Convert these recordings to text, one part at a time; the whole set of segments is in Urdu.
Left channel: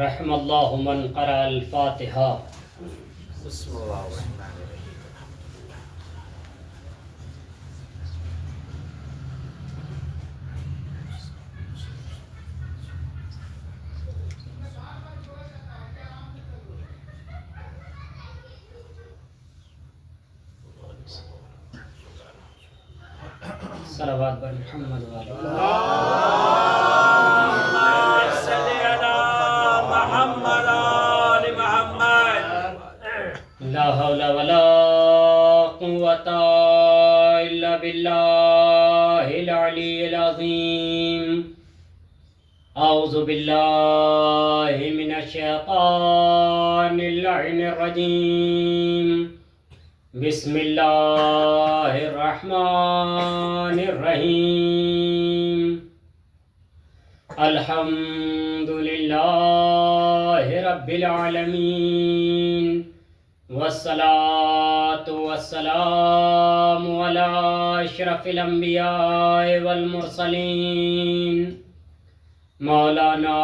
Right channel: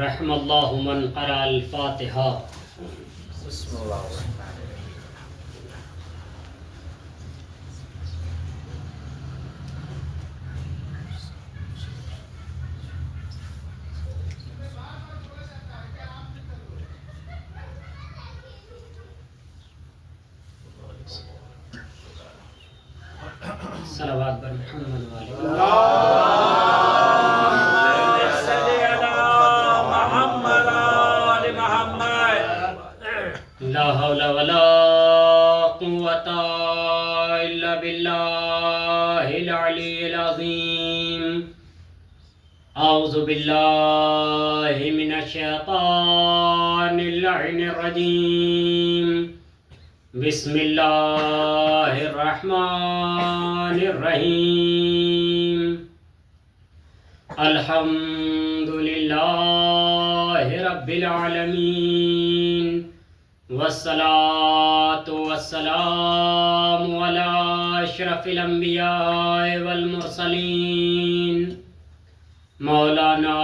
رحم اللہ من قرأ الفاتحہ. بسم اللہ الرحمن الرحیم. صلوات بر محمد وعلی لا حول ولا قوة إلا بالله العلي العظيم. أعوذ بالله من الشيطان اللعين الرجيم. بسم الله الرحمن الرحيم. الحمد لله رب العالمين، والصلاة والسلام على أشرف الأنبياء والمرسلين، مولانا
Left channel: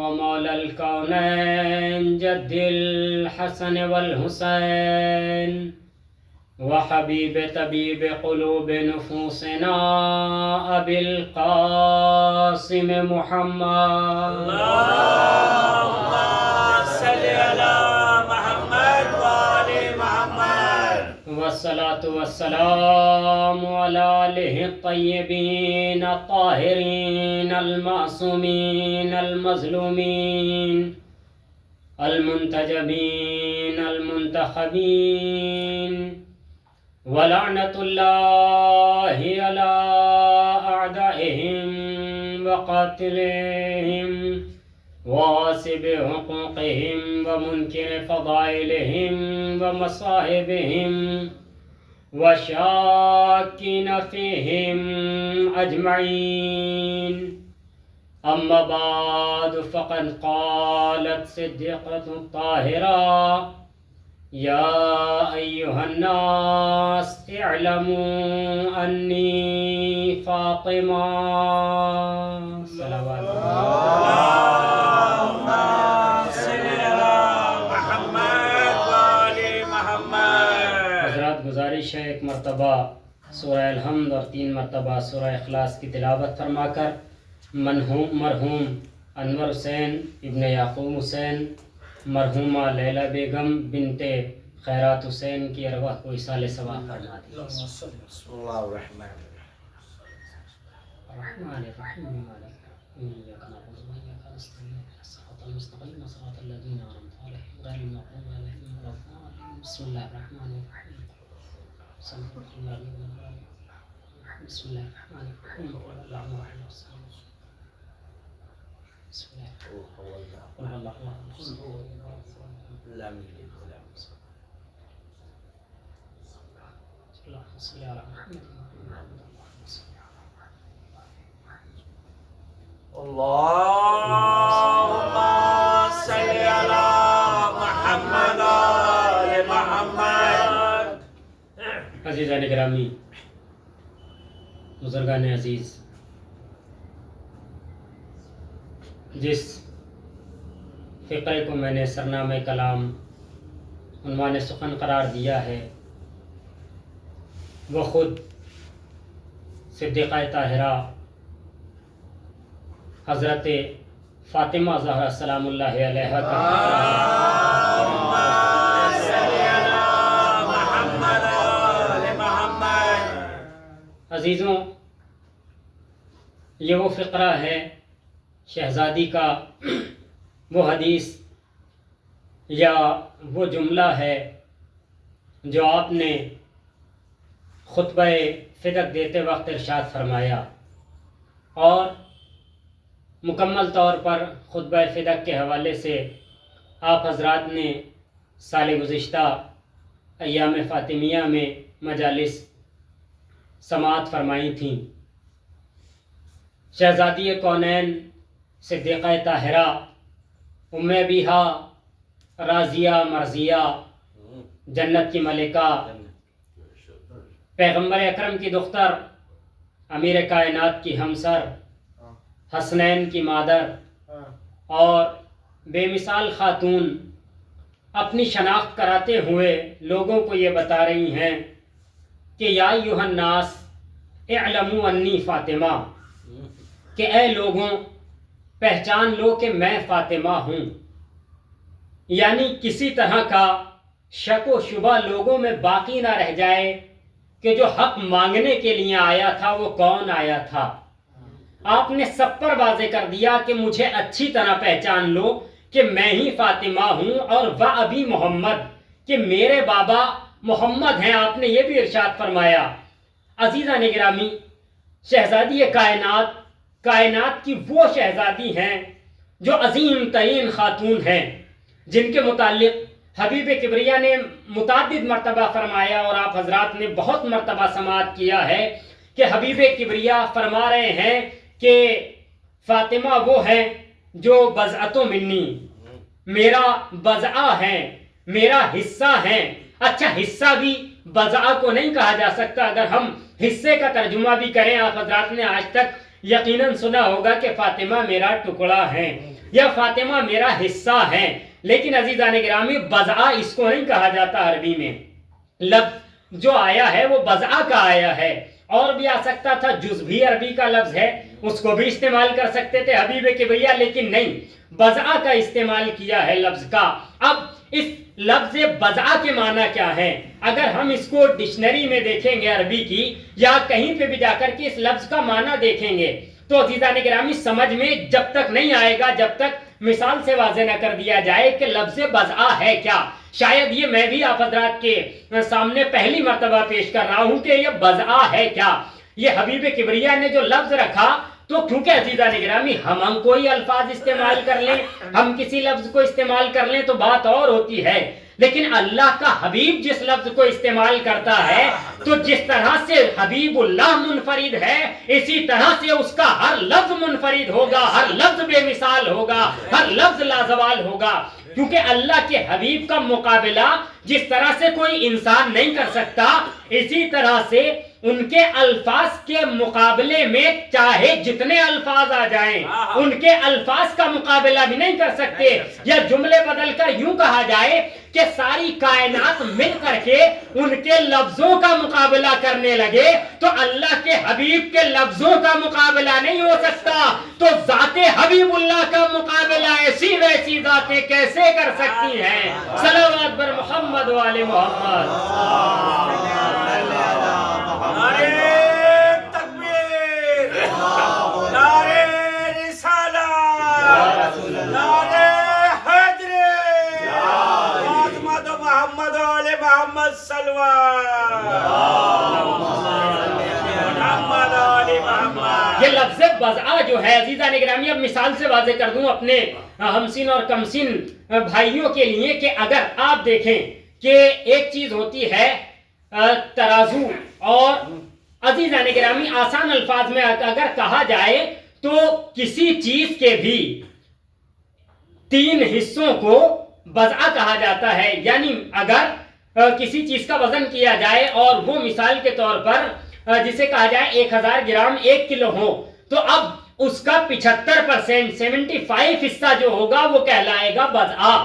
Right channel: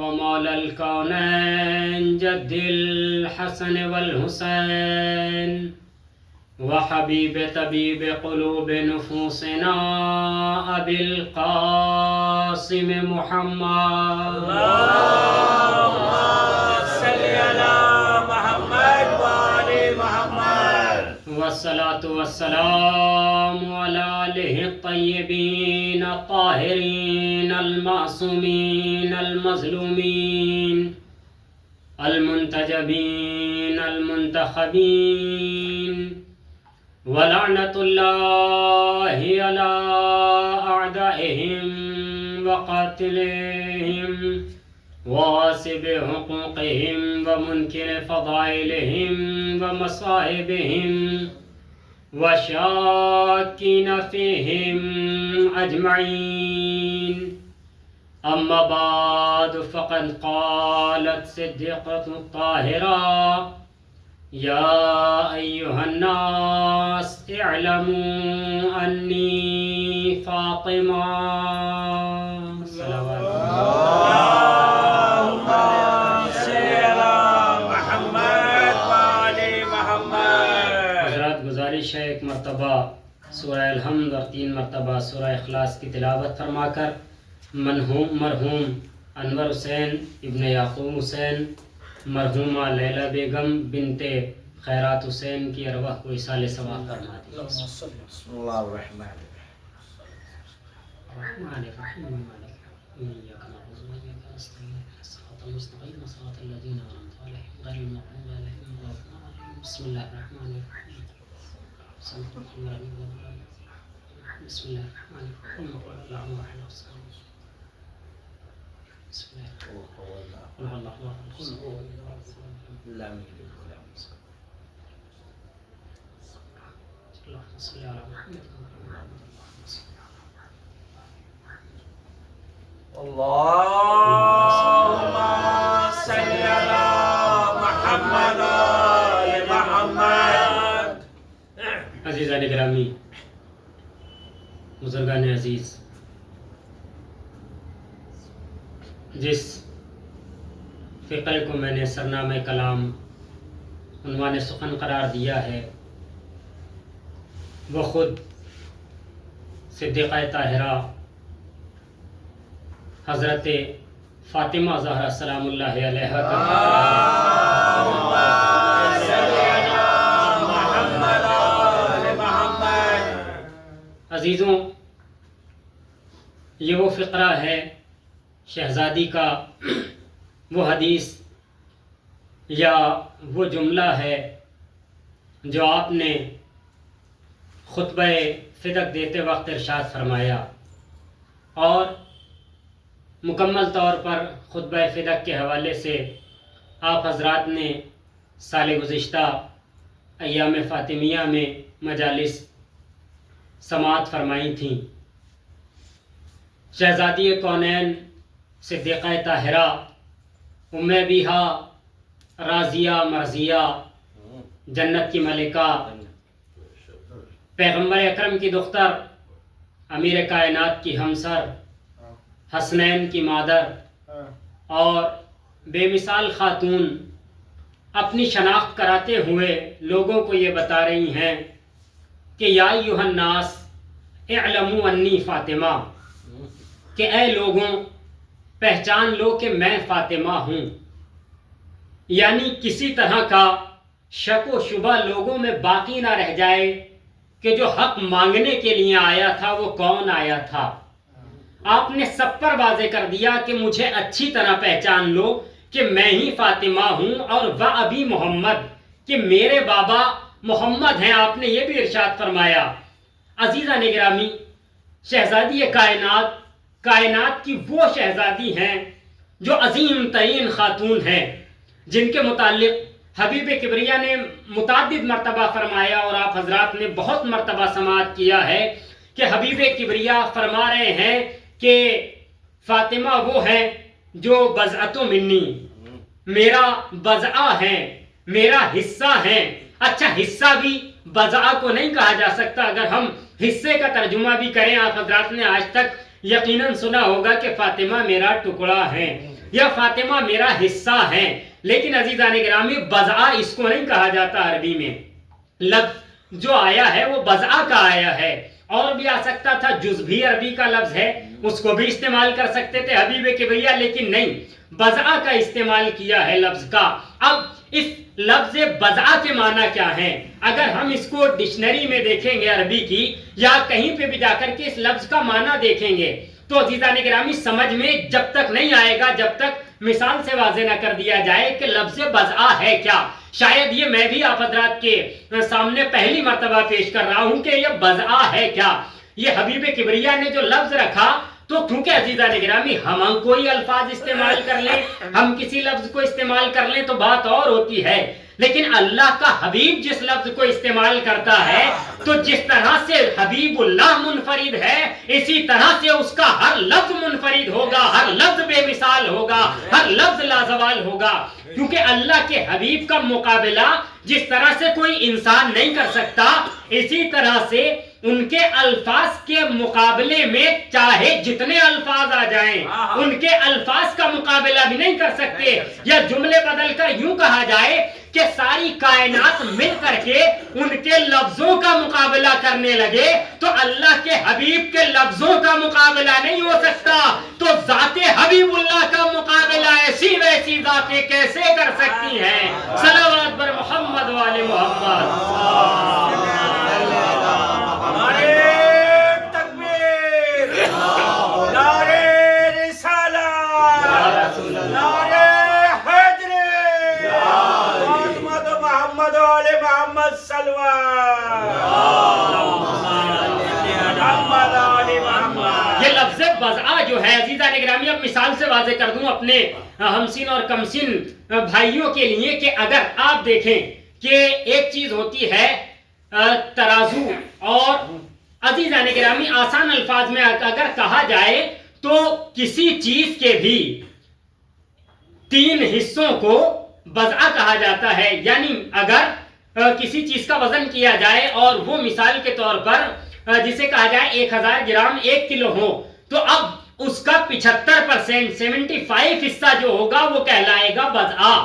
ومولا الكونين جد الحسن والحسين، وحبيب طبيب قلوب نفوسنا أبي القاسم محمد. والصلاة والسلام على آله الطيبين الطاهرين المعصومين المظلومين المنتجبين المنتخبين، ولعنة الله على أعدائهم وقاتلهم وغاصب حقوقهم ومنكر فضائلهم ومصائبهم وشاكين فيهم أجمعين. أما بعد، فقد قالت صديقة الطاهرة: يا أيها الناس اعلموا أني فاطمة. صلوات حضرات، گزارش ہے ایک مرتبہ سورہ الحمد اور 3 مرتبہ سورہ اخلاص کی تلاوت فرما کر مرحوم انور حسین ابن یعقوب حسین، مرحومہ لیلہ بیگم بنت خیرات حسین کی ارواح کو ایصال ثواب فرما دی. بسم اللہ الرحمن الرحمن الرحیم إياك نعبد وإياک نستعين الصراط المستقيم صراط الذين أنعمت عليهم غير المغضوب عليهم ولا الضالين. بسم الله الرحمن الرحيم. بسم الله الرحمن الرحيم. اللهم صل وسلم. بسم الله قل هو الله أحد اللهم صل على محمد. اللهم صل على محمد وآل محمد. عزیزان گرامی، بزرگان عزیز، جس فقرے کو میں نے سرنامہ کلام عنوان سخن قرار دیا ہے، وہ خود صدیقہ طاہرہ حضرت فاطمہ زہرا سلام اللہ علیہ کا فقرہ ہے. عزیزوں، یہ وہ فقرہ ہے، شہزادی کا وہ حدیث یا وہ جملہ ہے جو آپ نے خطبہ فدق دیتے وقت ارشاد فرمایا، اور مکمل طور پر خطبہ فدق کے حوالے سے آپ حضرات نے سال گزشتہ ایام فاطمیہ میں مجالس سماعت فرمائی تھیں. شہزادی کونین صدیقہ طاہرہ ام بیہا راضیہ مرضیہ جنت کی ملکہ پیغمبر اکرم کی دختر امیر کائنات کی ہمسر حسنین کی مادر اور بے مثال خاتون اپنی شناخت کراتے ہوئے لوگوں کو یہ بتا رہی ہیں کہ یا ایھا الناس اعلموا انی فاطمہ، کہ اے لوگوں پہچان لو کہ میں فاطمہ ہوں. یعنی کسی طرح کا شک و شبہ لوگوں میں باقی نہ رہ جائے کہ جو حق مانگنے کے لیے آیا تھا وہ کون آیا تھا. آپ نے سب پر واضح کر دیا کہ مجھے اچھی طرح پہچان لو کہ میں ہی فاطمہ ہوں، اور و ابی محمد، کہ میرے بابا محمد ہیں. آپ نے یہ بھی ارشاد فرمایا. عزیزان گرامی، شہزادی کائنات کی وہ شہزادی ہیں جو عظیم ترین خاتون ہیں، جن کے متعلق حبیب کبریا نے متعدد مرتبہ فرمایا، اور آپ حضرات نے بہت مرتبہ سماعت کیا ہے کہ حبیب کبریا فرما رہے ہیں کہ فاطمہ وہ ہے جو بضعۃ منی، میرا بضعہ ہے، میرا حصہ ہے. اچھا، حصہ بھی بضعہ کو نہیں کہا جا سکتا. اگر ہم حصے کا ترجمہ بھی کریں، آپ حضرات نے آج تک یقیناً سنا ہوگا کہ فاطمہ میرا ٹکڑا ہے یا فاطمہ میرا حصہ ہے، لیکن عزیزان گرامی بضعہ اس کو نہیں کہا جاتا. عربی میں لفظ جو آیا ہے وہ بضعہ کا آیا ہے. اور بھی آ سکتا تھا، جز بھی عربی کا لفظ ہے، اس کو بھی استعمال کر سکتے تھے حبیب کبریا، لیکن نہیں، بضعہ کا استعمال کیا ہے لفظ کا. اب اس لفظ بضعہ کے معنی کیا ہیں؟ اگر ہم اس کو ڈکشنری میں دیکھیں گے عربی کی، یا کہیں پہ بھی جا کر کے اس لفظ کا معنی دیکھیں گے، تو عزیزان گرامی سمجھ میں جب تک نہیں آئے گا جب تک مثال سے واضح نہ کر دیا جائے کہ لفظ بضعہ ہے کیا. شاید یہ میں بھی آپ حضرات کے سامنے پہلی مرتبہ پیش کر رہا ہوں کہ یہ بضعہ ہے کیا. یہ حبیب کبریا نے جو لفظ رکھا، تو کیونکہ عزیزان گرامی ہم کوئی الفاظ استعمال کر لیں، ہم کسی لفظ کو استعمال کر لیں تو بات اور ہوتی ہے، لیکن اللہ کا حبیب جس لفظ کو استعمال کرتا ہے، تو جس طرح سے حبیب اللہ منفرد ہے، اسی طرح سے اس کا ہر لفظ منفرد ہوگا، ہر لفظ بے مثال ہوگا، ہر لفظ لازوال ہوگا. کیونکہ اللہ کے حبیب کا مقابلہ جس طرح سے کوئی انسان نہیں کر سکتا، اسی طرح سے ان کے الفاظ کے مقابلے میں چاہے جتنے الفاظ آ جائیں، ان کے الفاظ کا مقابلہ بھی نہیں کر سکتے. یا جملے بدل کر یوں کہا جائے کہ ساری کائنات مل کر کے ان کے لفظوں کا مقابلہ کرنے لگے تو اللہ کے حبیب کے لفظوں کا مقابلہ نہیں ہو سکتا. تو ذات حبیب اللہ کا مقابلہ ایسی ویسی ذاتیں کیسے کر سکتی ہیں؟ صلوات بر محمد و آل محمد. یہ لفظ بضعہ جو ہے عزیزان گرامی، اب مثال سے واضح کر دوں اپنے ہمسن اور کمسن بھائیوں کے لیے کہ اگر آپ دیکھیں کہ ایک چیز ہوتی ہے ترازو، اور عزیزان گرامی آسان الفاظ میں اگر کہا جائے تو کسی چیز کے بھی 3 حصوں کو بضعہ کہا جاتا ہے. یعنی اگر کسی چیز کا وزن کیا جائے اور وہ مثال کے طور پر جسے کہا جائے 1000 گرام 1 کلو ہو، تو اب اس کا 75% 75 حصہ جو ہوگا وہ کہلائے گا بضعہ.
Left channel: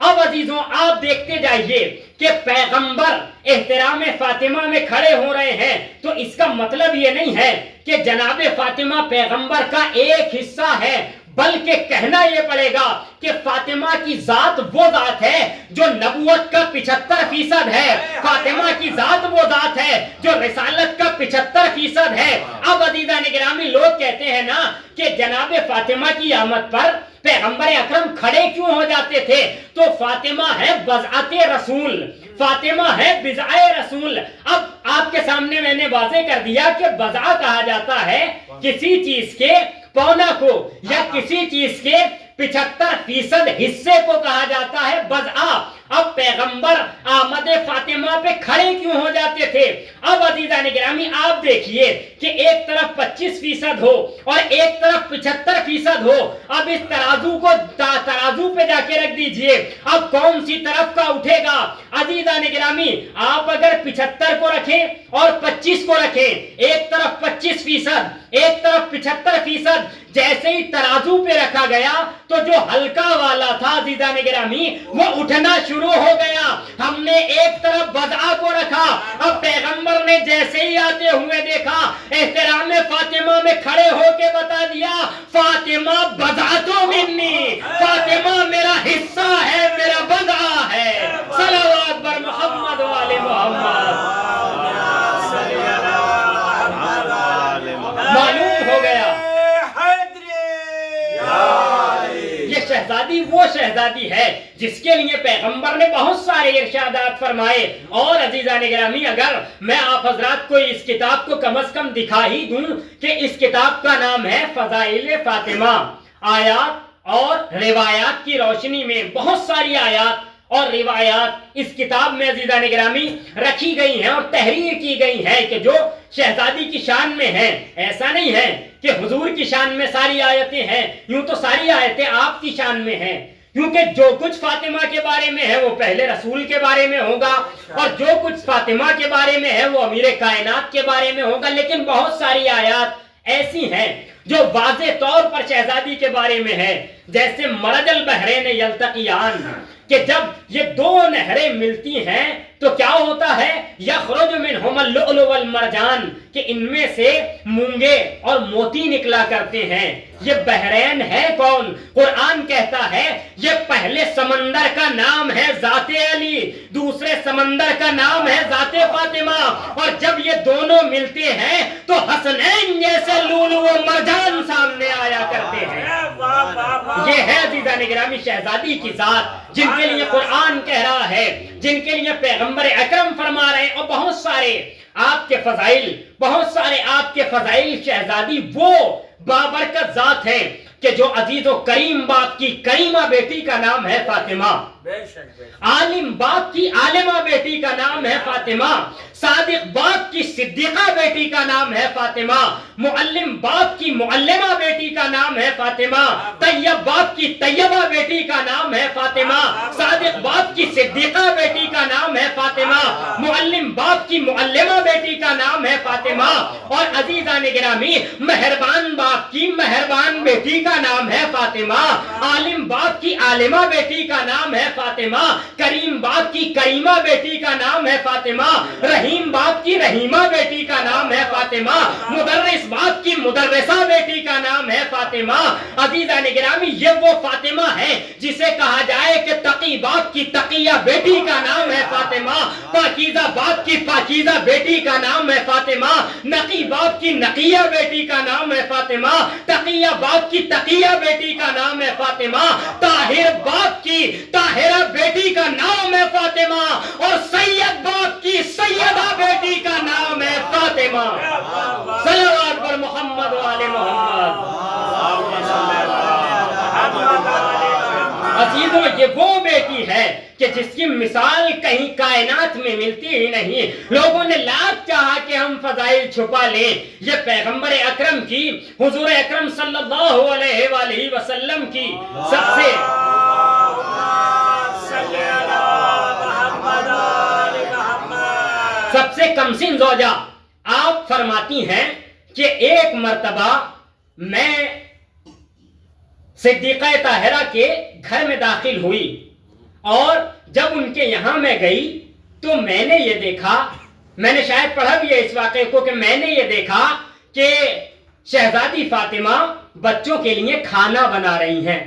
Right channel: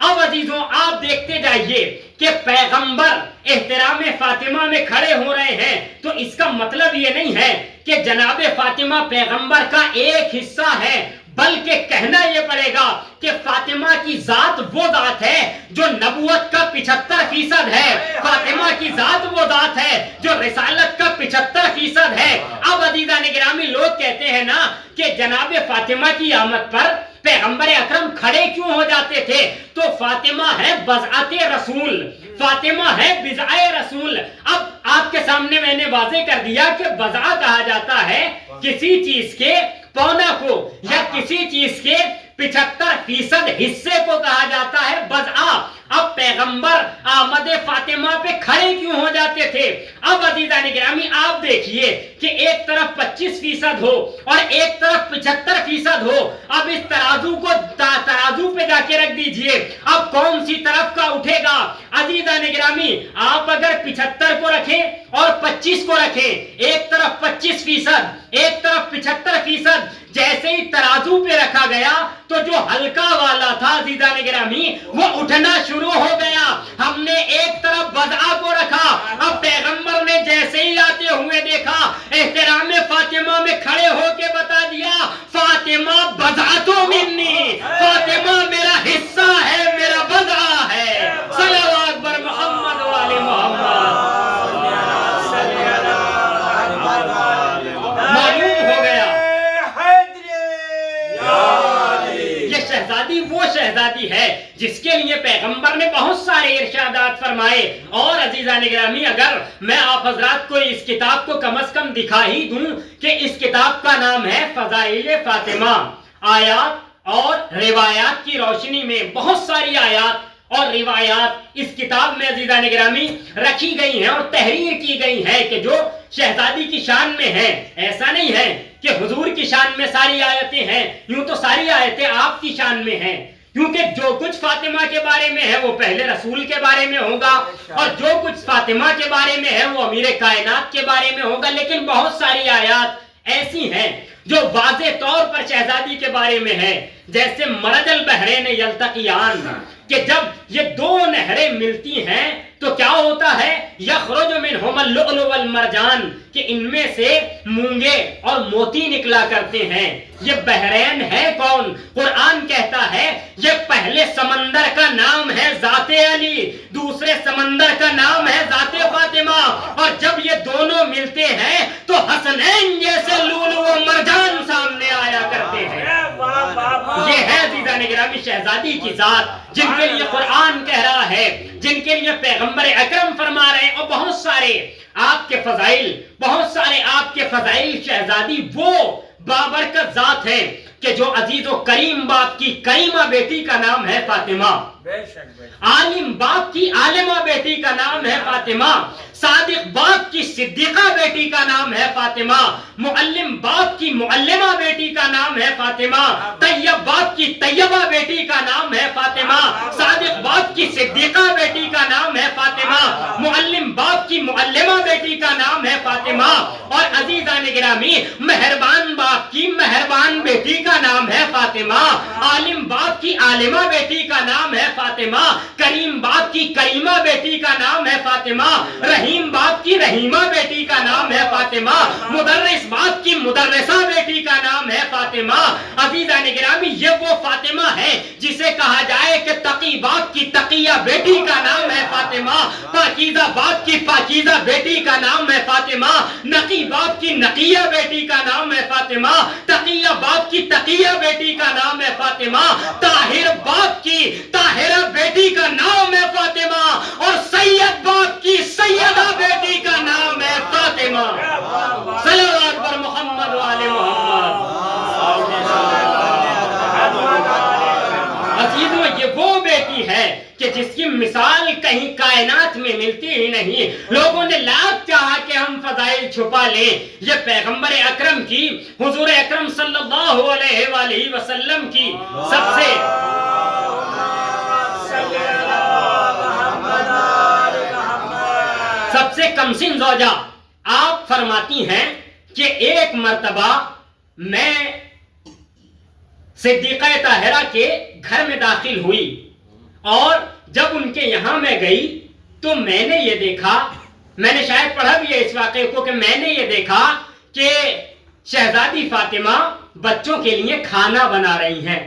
اب عزیزوں آپ دیکھتے جائیے کہ پیغمبر احترام فاطمہ میں کھڑے ہو رہے ہیں، تو اس کا مطلب یہ نہیں ہے کہ جناب فاطمہ پیغمبر کا ایک حصہ ہے، بلکہ کہنا یہ پڑے گا کہ فاطمہ کی ذات وہ ذات ہے جو نبوت کا 75% ہے. فاطمہ کی ذات وہ ذات ہے جو رسالت کا 75% ہے. اب عزیزان گرامی لوگ کہتے ہیں نا کہ جناب فاطمہ کی آمد پر پیغمبر اکرم کھڑے کیوں ہو جاتے تھے؟ تو فاطمہ ہے بضعت رسول، فاطمہ ہے بضعہ رسول. اب آپ کے سامنے میں نے واضح کر دیا کہ بضعہ کہا جاتا ہے کسی چیز کے پونا کو، یا کسی چیز کے 75% حصے کو کہا جاتا ہے بضعہ. اب پیغمبر آمد فاطمہ پہ کھڑے کیوں ہو جاتے تھے؟ اب عزیزان گرامی آپ دیکھیے کہ ایک طرف 25% ہو اور ایک طرف 75% ہو. اب اس ترازو کو ترازو پہ جا کے رکھ دیجئے، اب کون سی طرف کا اٹھے گا؟ عزیزان گرامی آپ اگر 75 کو رکھیں اور 25 کو رکھیں، ایک طرف 25%، ایک طرف 75%، جیسے ہی ترازو پہ رکھا گیا تو جو ہلکا والا تھا عزیزان گرامی وہ اٹھنا شروع ہو گیا. ہم نے ایک طرف بضع کو رکھا. اب پیغمبر نے جیسے ہی آتے ہوئے دیکھا احترام فاطمہ میں کھڑے ہو کے بتا دیا فاطمہ بضعۃ منی، فاطمہ میرا حصہ ہے، میرا بضع ہے. صلوات بر محمد و آل محمد. معلوم ہو گیا یہ شہزادی وہ شہزادی ہے جس کے لیے پیغمبر نے بہت سارے ارشادات فرمائے. اور عزیزان گرامی اگر میں آپ حضرات کو اس کتاب کو کم از کم دکھا ہی دوں کہ اس کتاب کا نام ہے فضائل فاطمہ. آیات اور روایات کی روشنی میں بہت ساری آیات اور روایات اس کتاب میں عزیزان گرامی رکھی گئی ہیں اور تحریر کی گئی ہیں کہ جو شہزادی کی شان میں ہے. ایسا نہیں ہے کہ حضور کی شان میں ساری آیتیں ہیں، یوں تو ساری آیتیں آپ کی شان میں ہیں، کیونکہ جو کچھ فاطمہ کے بارے میں ہے وہ پہلے رسول کے بارے میں ہوگا اور جو کچھ فاطمہ کے بارے میں ہے وہ امیر کائنات کے بارے میں ہوگا. لیکن بہت ساری آیات ایسی ہیں جو واضح طور پر شہزادی کے بارے میں ہے، جیسے مرج البحرین یلتقیان، کہ جب یہ دو نہریں ملتی ہیں تو کیا ہوتا ہے یخرج منہما اللؤلؤ والمرجان، کہ ان میں سے مونگے اور موتی نکلا کرتے ہیں. یہ بحرین ہے کون؟ قرآن کہتا ہے یہ پہلے سمندر کا نام ہے ذات علی، دوسرے سمندر کا نام ہے ذات فاطمہ، اور جب یہ دونوں ملتے ہیں تو حسنین جیسے لولو و مرجان سامنے آیا کرتے ہیں. یہ ہے عزیزان گرامی شہزادی کی ذات جن کے لیے قرآن کہہ رہا ہے، جن کے لیے پیغمبر اکرم فرما رہے ہیں. اور بہت سارے آپ کے فضائل، بہت سارے آپ کے فضائل شہزادی وہ بابرکت ذات ہے کہ جو عزیز و کریم باپ کی کریمہ بیٹی کا نام ہے فاطمہ، عالم باپ کی عالمہ بیٹی کا نام ہے فاطمہ، صادق باپ کی صدیقہ بیٹی کا نام ہے فاطمہ، معلم باپ کی معلمہ بیٹی کا نام ہے فاطمہ، طیب باپ کی طیبہ بیٹی کا نام ہے فاطمہ، صادق باپ کی صدیقہ بیٹی کا نام ہے فاطمہ، معلم باپ کی معلمہ بیٹی کا نام ہے فاطمہ، اور عزیزان گرامی مہربان باپ کی مہربان بیٹی کا نام ہے فاطمہ، عالم باپ کی عالمہ بیٹی کا نام ہے فاطمہ، کریم باپ کی کریمہ بیٹی کا نام ہے فاطمہ، رحیم باپ کی رحیمہ بیٹی کا نام ہے فاطمہ، مدرس باپ کی مدرسہ بیٹی کا نام ہے فاطمہ. عزیزان گرامی یہ وہ فاطمہ ہے جسے کہا جائے کہ تقی باپ کی تقیہ بیٹی کا نام ہے فاطمہ، پاکیزہ باپ کی پاکیزہ بیٹی کا نام ہے فاطمہ، نقی باپ کی نقیہ بیٹی کا نام ہے فاطمہ، تقیہ باپ کی تقیہ بیٹی کا نام ہے فاطمہ، طاہر باپ کی طاہرہ بیٹی کا نام ہے فاطمہ، اور سید باپ کی سیدہ بیٹی کا نام ہے فاطمہ. صلوات بر محمد و آل محمد. عزیزوں یہ وہ بیٹی ہے کہ جس کی مثال کہیں کائنات میں ملتی ہی نہیں. لوگوں نے لاکھ چاہا کہ ہم فضائل چھپا لیں، یہ پیغمبر اکرم کی، حضور اکرم صلی اللہ علیہ وآلہ وسلم کی سب سے کمسن زوجہ. آپ فرماتی ہیں کہ ایک مرتبہ میں صدیقہ طاہرہ کے گھر میں داخل ہوئی اور جب ان کے یہاں میں گئی تو میں نے یہ دیکھا، میں نے شاید پڑھا بھی ہے اس واقعے کو، کہ میں نے یہ دیکھا کہ شہزادی فاطمہ بچوں کے لیے کھانا بنا رہی ہیں.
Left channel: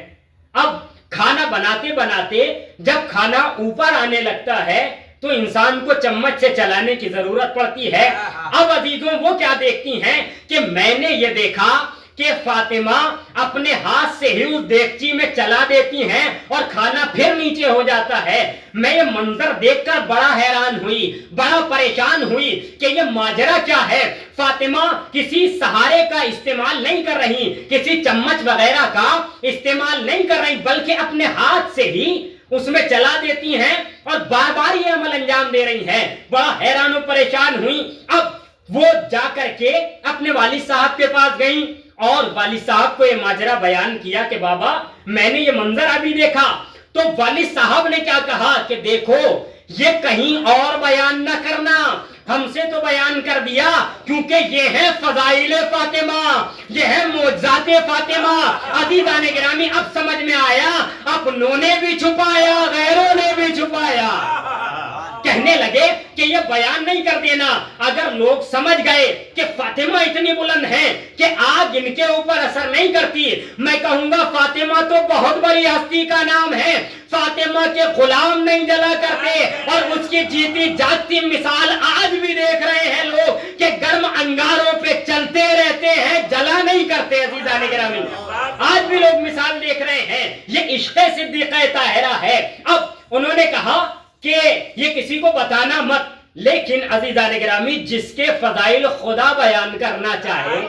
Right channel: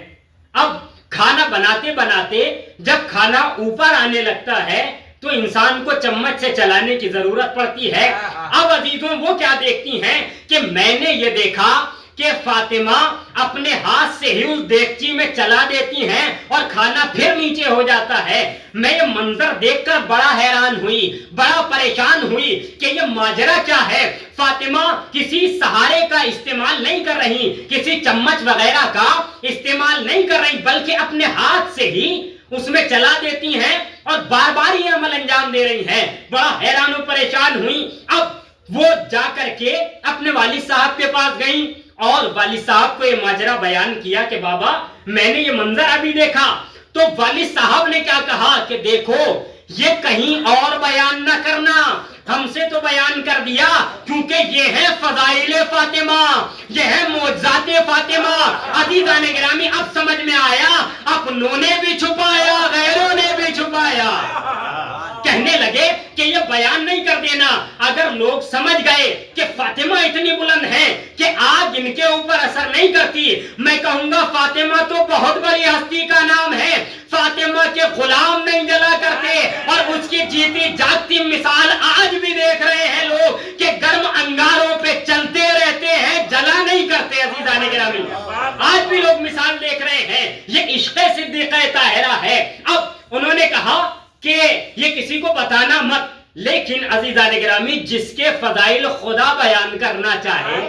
اب کھانا بناتے بناتے جب کھانا اوپر آنے لگتا ہے تو انسان کو چمچ سے چلانے کی ضرورت پڑتی ہے. اب عزیزوں وہ کیا دیکھتی ہیں کہ میں نے یہ دیکھا کہ فاطمہ اپنے ہاتھ سے ہی اس دیگچی میں چلا دیتی ہیں اور کھانا پھر نیچے ہو جاتا ہے. میں یہ منظر دیکھ کر بڑا حیران ہوئی، بڑا پریشان ہوئی کہ یہ ماجرا کیا ہے. فاطمہ کسی سہارے کا استعمال نہیں کر رہی، کسی چمچ وغیرہ کا استعمال نہیں کر رہی، بلکہ اپنے ہاتھ سے ہی اس میں چلا دیتی ہیں اور بار بار یہ عمل انجام دے رہی ہیں. بڑا حیران و پریشان ہوئی. اب وہ جا کر کے اپنے والد صاحب کے پاس گئیں اور والد صاحب کو یہ ماجرا بیان کیا کہ بابا میں نے یہ منظر ابھی دیکھا. تو والد صاحب نے کیا کہا کہ دیکھو یہ کہیں اور بیان نہ کرنا، ہم سے تو بیان کر دیا، کیونکہ یہ ہے فضائل فاطمہ، یہ ہے معجزات فاطمہ۔ عزیزان گرامی اب سمجھ میں آیا، اپنوں نے بھی چھپایا غیروں نے بھی چھپایا۔ کہنے لگے کہ یہ بیان نہیں کر دینا، اگر لوگ سمجھ گئے کہ فاطمہ اتنی بلند ہے کہ آگ ان کے اوپر اثر نہیں کرتی، میں کہوں گا فاطمہ تو بہت بڑی ہستی کا نام ہے، فاطمہ کے غلام نہیں جلا کرتے، اور اس کی جیتی جاگتی مثال آج بھی دیکھ رہے ہیں لوگ کہ گرم انگاروں پہ چلتے رہتے ہیں، جلا نہیں کرتے۔ عزیزان گرامی آج بھی لوگ مثال دیکھ رہے ہیں، یہ عشق صدیقہ طاہرہ ہے۔ اب انہوں نے کہا کہ یہ کسی کو بتانا مت، لیکن عزیزان گرامی جس کے فضائل خدا بیان کرنا چاہے،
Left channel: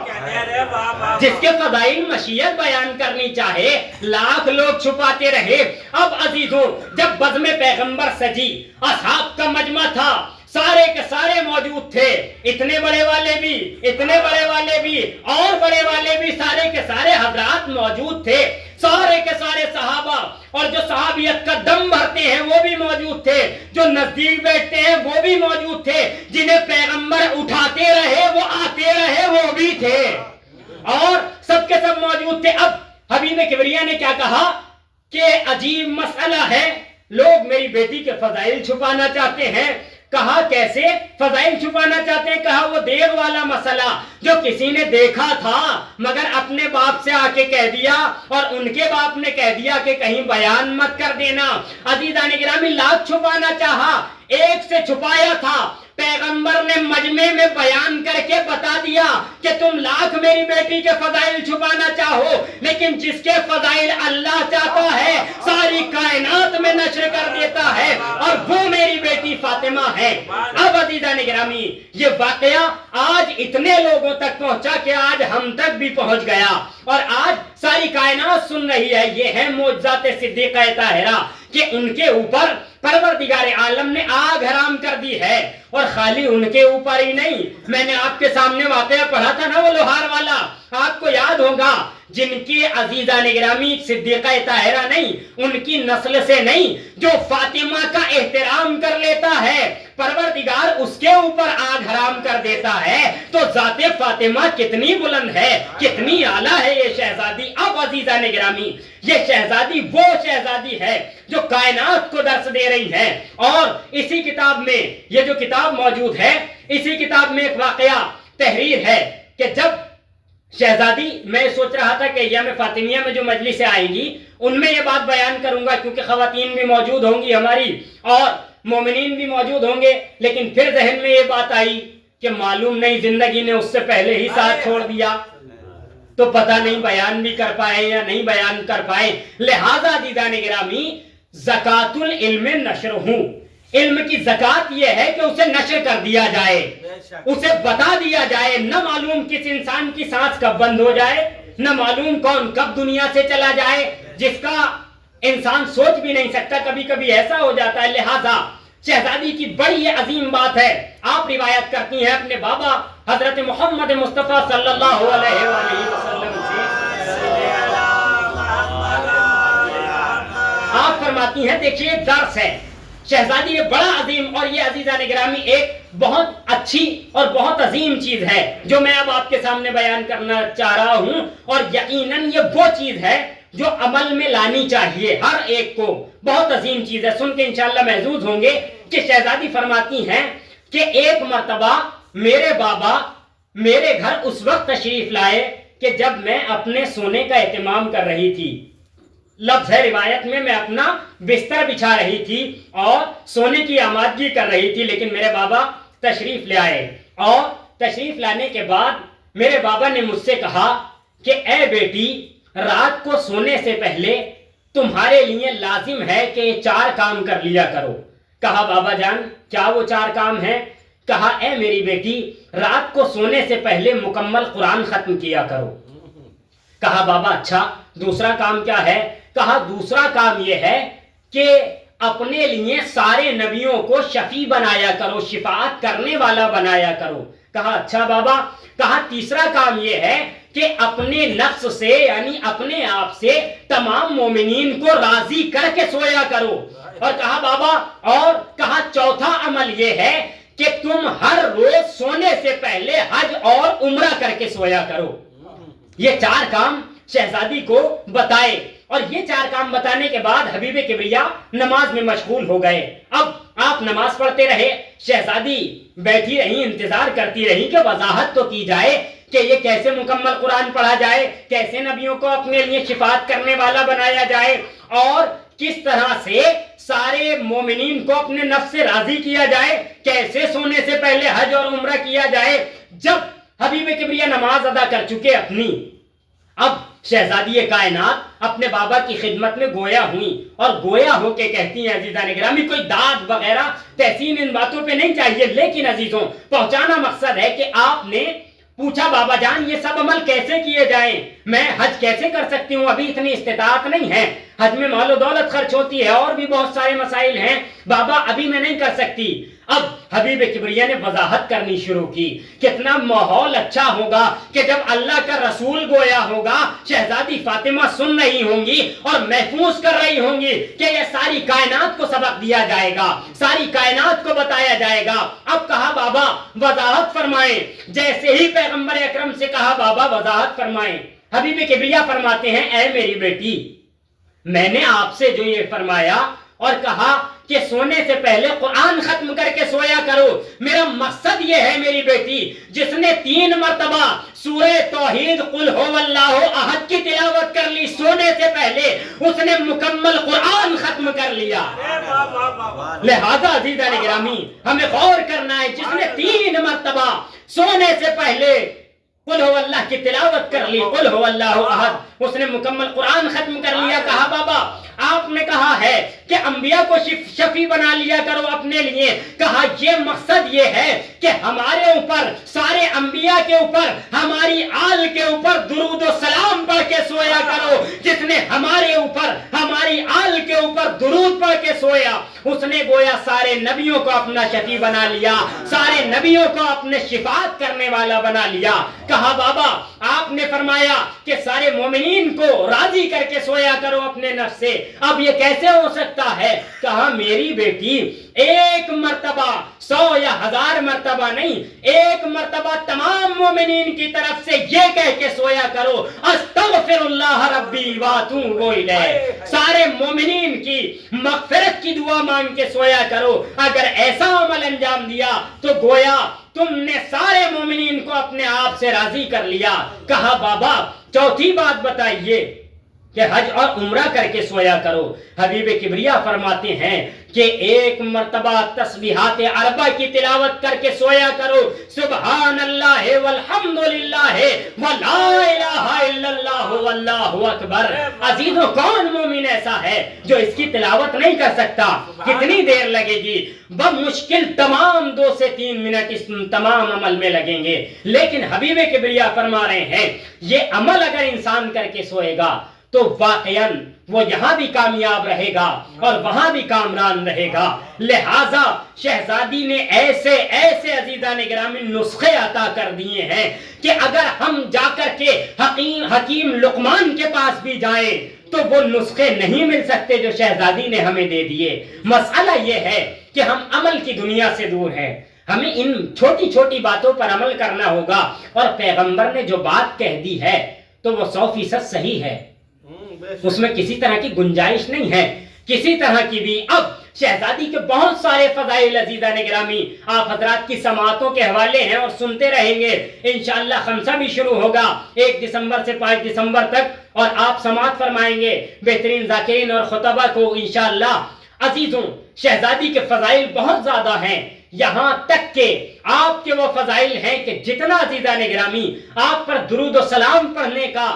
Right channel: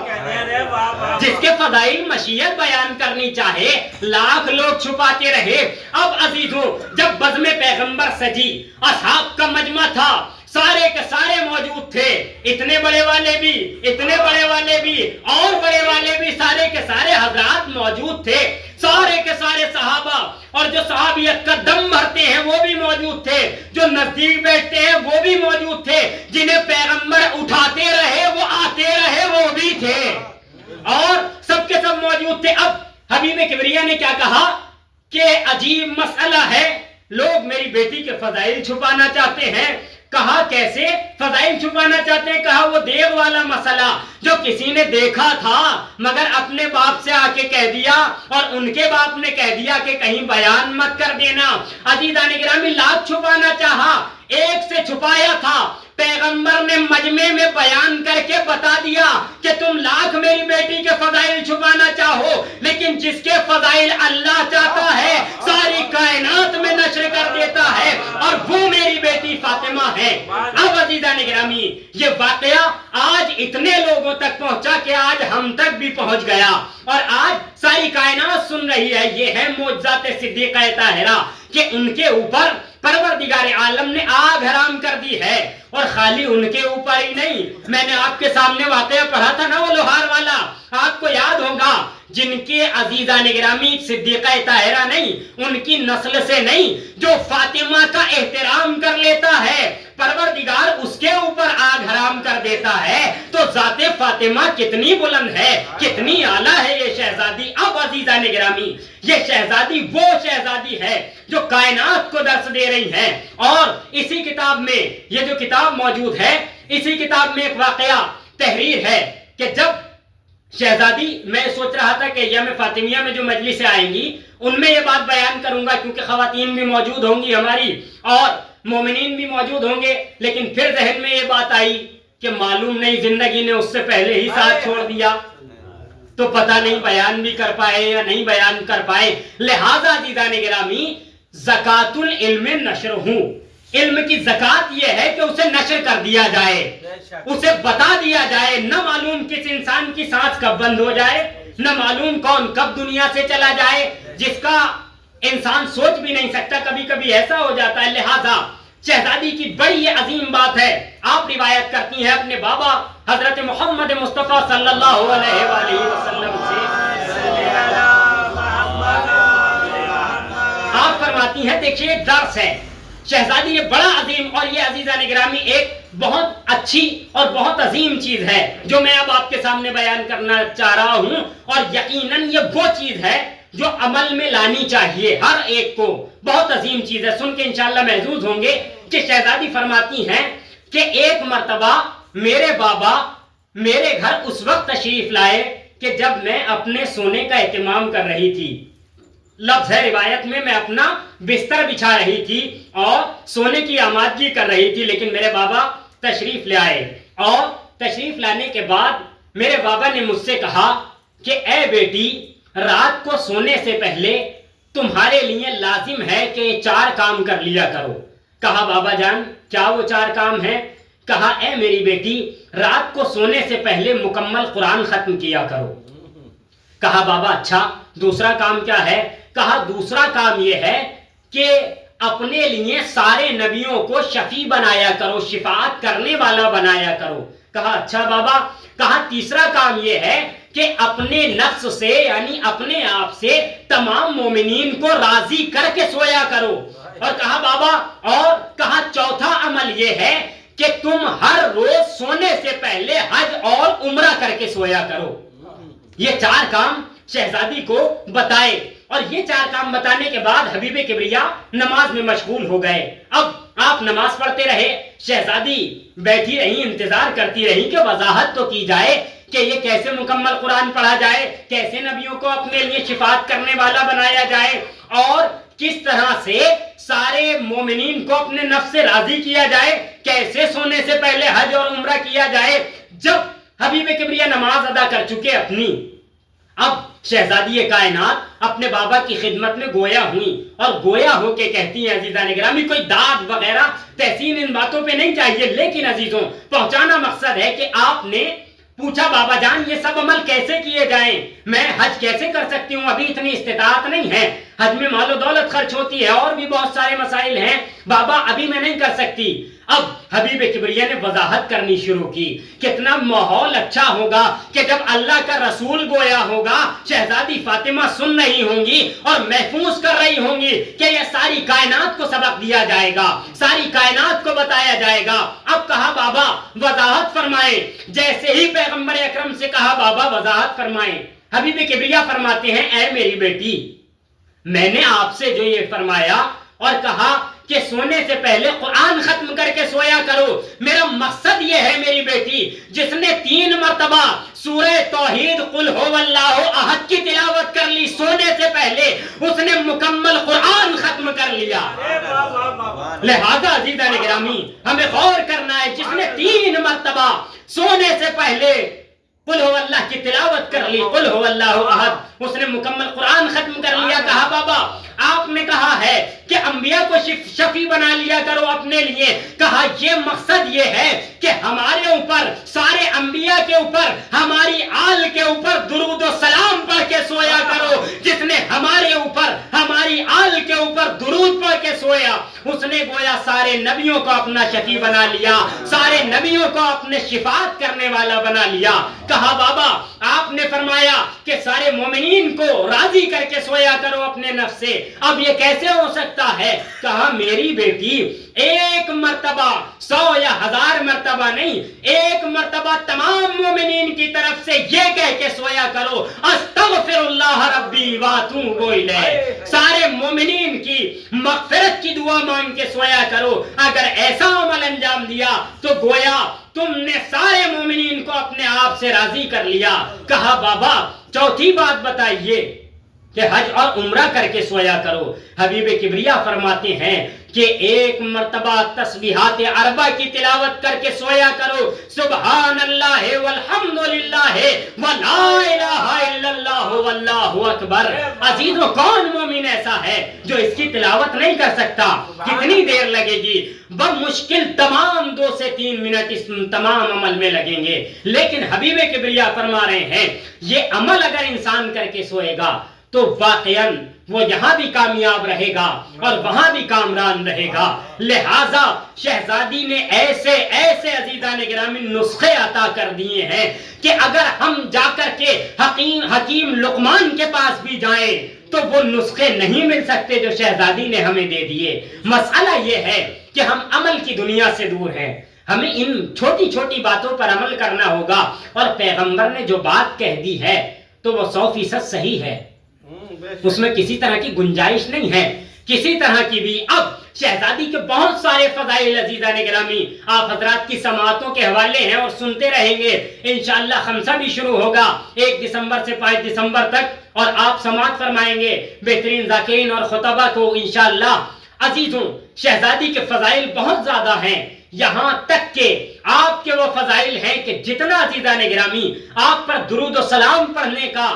جس کے فضائل مشیت بیان کرنی چاہے، لاکھ لوگ چھپاتے رہے۔ اب عزیزوں جب بزم پیغمبر سجی، اصحاب کا مجمع تھا، سارے کے سارے موجود تھے، اتنے بڑے والے بھی، اتنے بڑے والے بھی، اور بڑے والے بھی، سارے کے سارے حضرات موجود تھے، سارے کے سارے صحابہ، اور جو صحابیت کا دم بھرتے ہیں وہ بھی موجود تھے، جو نزدیک بیٹھتے ہیں وہ بھی موجود تھے، جنہیں پیغمبر اٹھاتے رہے وہ آتے رہے وہ بھی تھے، اور سب کے سب موجود تھے۔ اب حبیب کبریا نے کیا کہا کہ عجیب مسئلہ ہے، لوگ میری بیٹی کے فضائل چھپانا چاہتے ہیں۔ کہا کیسے فضائل چھپانا چاہتے ہیں؟ کہا وہ دیو والا مسئلہ جو کسی نے دیکھا تھا مگر اپنے باپ سے آ کے کہہ دیا، اور ان کے باپ نے کہہ دیا کہ کہیں بیان مت کر دینا۔ عزیزان گرامی لاکھ چھپانا چاہا، ایک سے چھپایا تھا، پیغمبر نے مجمع میں بیان کر کے بتا دیا کہ تم لاکھ میری بیٹی کے فضائل چھپانا چاہو، لیکن جس کے فضائل اللہ چاہتا ہے ساری کائنات میں نشر کر دیتا ہے، اور وہ میری بیٹی فاطمہ ہے۔ اب عزیزان گرامی یہ واقعہ آج اتنے لوگوں تک پہنچا کہ آج ہم تک بھی پہنچ گیا، اور آج ساری کائنات سن رہی ہے۔ یہ ہے معجزات صدیقہ طاہرہ کہ ان کے اوپر پروردگار عالم نے آگ حرام کر دی ہے، اور خالی ان کے اوپر ہی نہیں، میں نے آپ کے سامنے واقعہ پڑھا تھا نا وہ لوہار والا، آپ کو یاد ہوگا، جن کے عزیزان گرامی صدیقہ طاہرہ نہیں، ان کی نسل سے نہیں، جو فاطمہ کا احترام کر لیتا ہے پروردگار اس کے اوپر آگ حرام کر دیتا ہے، تو ذات فاطمہ کتنی بلند ہے، کتنی اعلیٰ ہے یہ شہزادی۔ اب عزیزان گرامی یہ شہزادی وہ شہزادی ہے جو کائنات کو درس دے رہی ہے، اور اسی کتاب میں یہ جو کتاب موجود ہے، اسی کتاب میں ایک واقعہ تحریر ہے کہ جب شہزادی، میں سوچ رہا تھا کہ یم فاطمیہ میں جو مجلسیں آئیں گی ان میں یہ بات بیان کروں گا، کیونکہ خواتین بھی موجود ہوں گی ہماری اور مومنین بھی موجود ہوں گے، لیکن پھر ذہن میں یہ بات آئی کہ معلوم نہیں زندگی نے اس سے پہلے ہی ساتھ چھوڑ دیا، تو پتہ نہیں بیان بھی کر پائے یا نہیں بیان کر پائے۔ لہذا عزیزان گرامی زکات العلم نشر ہوں، علم کی زکات یہ ہے کہ اسے نشر کر دیا جائے، اسے بتا دیا جائے، نہ معلوم کس انسان کی سانس کب بند ہو جائے، نہ معلوم کون کب دنیا سے چلا جائے، جس کا انسان سوچ بھی نہیں سکتا، کبھی کبھی ایسا ہو جاتا ہے۔ لہذا شہزادی کی بڑی یہ عظیم بات ہے، آپ روایت کرتی ہیں اپنے بابا حضرت محمد مصطفیٰ صلی اللہ علیہ وآلہ وسلم سے، آپ فرماتی ہیں دیکھیے ایک درس ہے، شہزادی یہ بڑا عظیم، اور یہ عزیزان گرامی ایک بہت اچھی اور بہت عظیم چیز ہے جو میں اب آپ کے سامنے بیان کرنا چاہ رہا ہوں، اور یقیناً یہ وہ چیز ہے جو عمل میں لانی چاہیے ہر ایک کو، بہت عظیم چیز ہے، سن کے انشاءاللہ محظوظ ہوں گے کہ شہزادی فرماتی ہیں کہ ایک مرتبہ میرے بابا میرے گھر اس وقت تشریف لائے کہ جب میں اپنے سونے کا اہتمام کر رہی تھی، لفظ ہے روایت میں اپنا بستر بچھا رہی تھی اور سونے کی آمادگی کر رہی تھی، لیکن میرے بابا تشریف لے آئے، اور تشریف لانے کے بعد میرے بابا نے مجھ سے کہا کہ اے بیٹی رات کو سونے سے پہلے تمہارے لیے لازم ہے کہ یہ 4 کام کر لیا کرو۔ کہا بابا جان کیا وہ 4 کام ہیں؟ کہا اے میری بیٹی رات کو سونے سے پہلے مکمل قرآن ختم کیا کرو۔ کہا بابا اچھا دوسرا کام کیا ہے؟ کہا دوسرا کام یہ ہے کہ اپنے لیے سارے نبیوں کو شفیع بنایا کرو، شفاعت کرنے والا بنایا کرو۔ کہا اچھا بابا۔ کہا تیسرا کام یہ ہے کہ اپنے نفس سے یعنی اپنے آپ سے تمام مومنین کو راضی کر کے سویا کرو۔ اور کہا بابا اور؟ کہا چوتھا عمل یہ ہے کہ تم ہر روز سونے سے پہلے حج اور عمرہ کر کے سویا کرو. یہ 4 کام شہزادی کو بتائے، اور یہ 4 کام بتانے کے بعد حبیب کبریا نماز میں مشغول ہو گئے. اب آپ نماز پڑھتے رہے، شہزادی بیٹھی رہی، انتظار کرتی رہی کہ وضاحت تو کی جائے کہ یہ کیسے مکمل قرآن پڑھا جائے، کیسے نبیوں کو اپنے لیے شفاعت کرنے والا بنایا جائے، اور کس طرح سے سارے مومنین کو اپنے نفس سے راضی کیا جائے، کیسے سونے سے پہلے حج اور عمرہ کیا جائے. جب حبیب کبریا نماز ادا کر چکے اپنی، اب شہزادی کائنات اپنے بابا کی خدمت میں گویا ہوئی، اور گویا ہو کے کہتی ہیں عزیزان گرامی، کوئی داد وغیرہ تحسین ان باتوں پہ نہیں چاہیے، لیکن عزیزوں پہنچانا مقصد ہے کہ آپ نے پوچھا بابا جان یہ سب عمل کیسے کیے جائیں، میں حج کیسے کر سکتی ہوں، ابھی اتنی استطاعت نہیں ہے، حج میں مال و دولت خرچ ہوتی ہے، اور بھی بہت سارے مسائل ہیں بابا، ابھی میں نہیں کر سکتی. اب حبیب کبریا نے وضاحت کرنی شروع کی. کتنا ماحول اچھا ہوگا کہ جب اللہ کا رسول گویا ہوگا، شہزادی فاطمہ سن رہی ہوں گی اور محفوظ کر رہی ہوں گی کہ یہ ساری کائنات کو سبق دیا جائے گا، ساری کائنات کو بتایا جائے گا. اب کہا بابا وضاحت فرمائیں. جیسے ہی پیغمبر اکرم سے کہا بابا وضاحت فرمائیں، حبیب کبریا فرماتے ہیں اے میری بیٹی، میں نے آپ سے جو یہ فرمایا اور کہا کہ سونے سے پہلے قرآن ختم کر کے سویا کرو، میرا مقصد یہ ہے میری بیٹی، جس نے 3 مرتبہ سورہ توحید قل هو اللہ احد کی تلاوت کر لی سونے سے پہلے، اس نے مکمل قرآن ختم کر لیا. لہذا عزیزان گرامی ہمیں غور کرنا ہے، جس نے 3 مرتبہ سونے سے پہلے قل هو اللہ کی تلاوت کر لی، قل هو اللہ احد، اس نے مکمل قرآن ختم کر لیا. کہا بابا آپ نے کہا ہے کہ انبیاء کو شفیع بنا لیا کرو اپنے لیے، کہا یہ مقصد یہ ہے کہ ہمارے اوپر، سارے انبیاء کے اوپر، ہماری آل کے اوپر درود و سلام پڑھ کے سویا کرو. جس نے ہمارے اوپر، ہماری آل کے اوپر درود پڑھ کے سویا، اس نے گویا سارے نبیوں کو اپنا شفیع بنا لیا، سارے نبیوں کو اپنے شفاعت کرنے والا بنا لیا. کہا بابا آپ نے فرمایا کہ سارے مومنین کو راضی کر کے سویا کرو اپنے نفس سے، اب یہ کیسے ہو سکتا ہے؟ کہا میری بیٹی 1 مرتبہ 100 یا 1000 مرتبہ نہیں، 1 مرتبہ تمام مومنین کی طرف سے یہ کہہ کے سویا کرو استغفر اللہ ربی واتوب الیہ، سارے مومنین کی مغفرت کی دعا مانگ کے سویا کرو. اگر ایسا عمل انجام دیا تو گویا تم نے سارے مومنین کو اپنے آپ سے راضی کر لیا. کہا بابا چوتھی بات بتائیے کہ حج اور عمرہ کر کے سویا کرو. حبیب کبریا فرماتے ہیں کہ 1 مرتبہ تسبیحات 4 کی تلاوت کر کے سویا کرو، سبحان اللہ والحمد للہ ولا الہ الا اللہ واللہ اکبر. عزیزو کون مومن ایسا ہے جو اس کی تلاوت نہیں کر سکتا؟ کتنی دیر لگے گی؟ بمشکل تمام 2 سے 3 منٹ اس تمام عمل میں لگیں گے. لیکن حبیب کبریا فرما رہے ہیں یہ عمل اگر انسان کر کے سوئے گا تو واقعاً وہ یہاں بھی کامیاب رہے گا اور وہاں بھی کامران رہے گا. لہٰذا شہزادی نے ایسے ایسے عزیزان گرامی نسخے عطا کر دیے ہیں کہ اگر ہم جا کر کے حکیم لقمان کے پاس بھی جائیں تو وہ نسخے نہیں مل سکتے جو شہزادی نے ہمیں دے دیے. مسئلہ یہ ہے کہ ہم عمل کی دنیا سے دور ہیں، ہمیں ان چھوٹی چھوٹی باتوں پر عمل کرنا ہوگا، اور پیغمبر نے جو بات کہہ دی ہے تو وہ 100% صحیح ہے، اس میں کسی طرح کی گنجائش نہیں ہے کسی طرح کی بھی. اب شہزادی کے بہت سارے فضائل عزیزان گرامی آپ حضرات کی سماعتوں کے حوالے ہیں اور سنتے رہیں گے. انشاءاللہ خمسہ بھی شروع ہوگا 1 دسمبر سے 5 دسمبر تک، اور آپ سماعت فرمائیں گے بہترین ذاکرین اور خطبہ کو انشاءاللہ. عزیزوں شہزادی کے فضائل بہت زیادہ ہیں، یہاں تک کہ آپ کے وہ فضائل ہیں کہ جتنا عزیزان گرامی آپ پر درود و سلام پڑھنے کا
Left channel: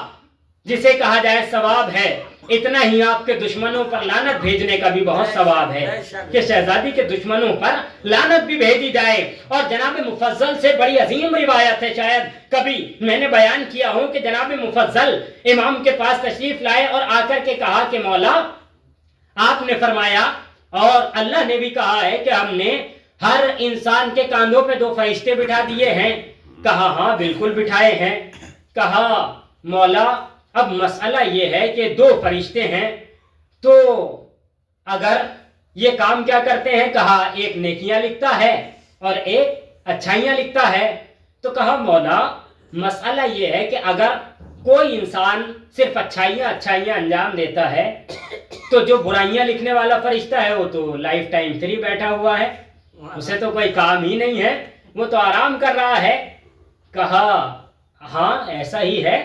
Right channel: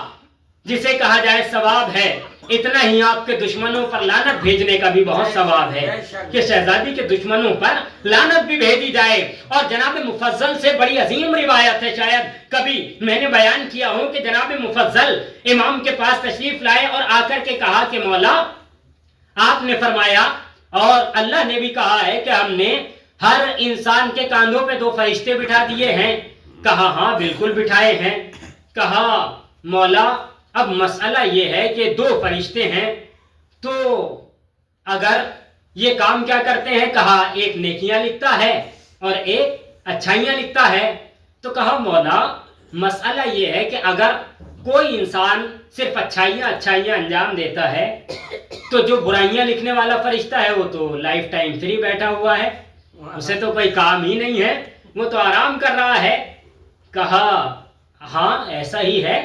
جسے کہا جائے ثواب ہے، اتنا ہی آپ کے دشمنوں پر لعنت بھیجنے کا بھی بہت ثواب ہے کہ شہزادی کے دشمنوں پر لعنت بھی بھیجی جائے. اور جناب مفضل سے بڑی عظیم روایت ہے، شاید کبھی میں نے بیان کیا ہو کہ جناب مفضل امام کے پاس تشریف لائے اور آ کر کے کہا کہ مولا آپ نے فرمایا اور اللہ نے بھی کہا ہے کہ ہم نے ہر انسان کے کاندھوں پہ 2 فرشتے بٹھا دیے ہیں. کہا ہاں بالکل بٹھائے ہیں. کہا مولا اب مسئلہ یہ ہے کہ 2 فرشتے ہیں تو اگر یہ کام کیا کرتے ہیں؟ کہا ایک نیکیاں لکھتا ہے اور ایک اچھائیاں لکھتا ہے. تو کہا مولا مسئلہ یہ ہے کہ اگر کوئی انسان صرف اچھائیاں انجام دیتا ہے تو جو برائیاں لکھنے والا فرشتہ ہے وہ تو لائف ٹائم فری بیٹھا ہوا ہے, اسے تو کوئی کام ہی نہیں ہے, وہ تو آرام کر رہا ہے. کہا ہاں ایسا ہی ہے,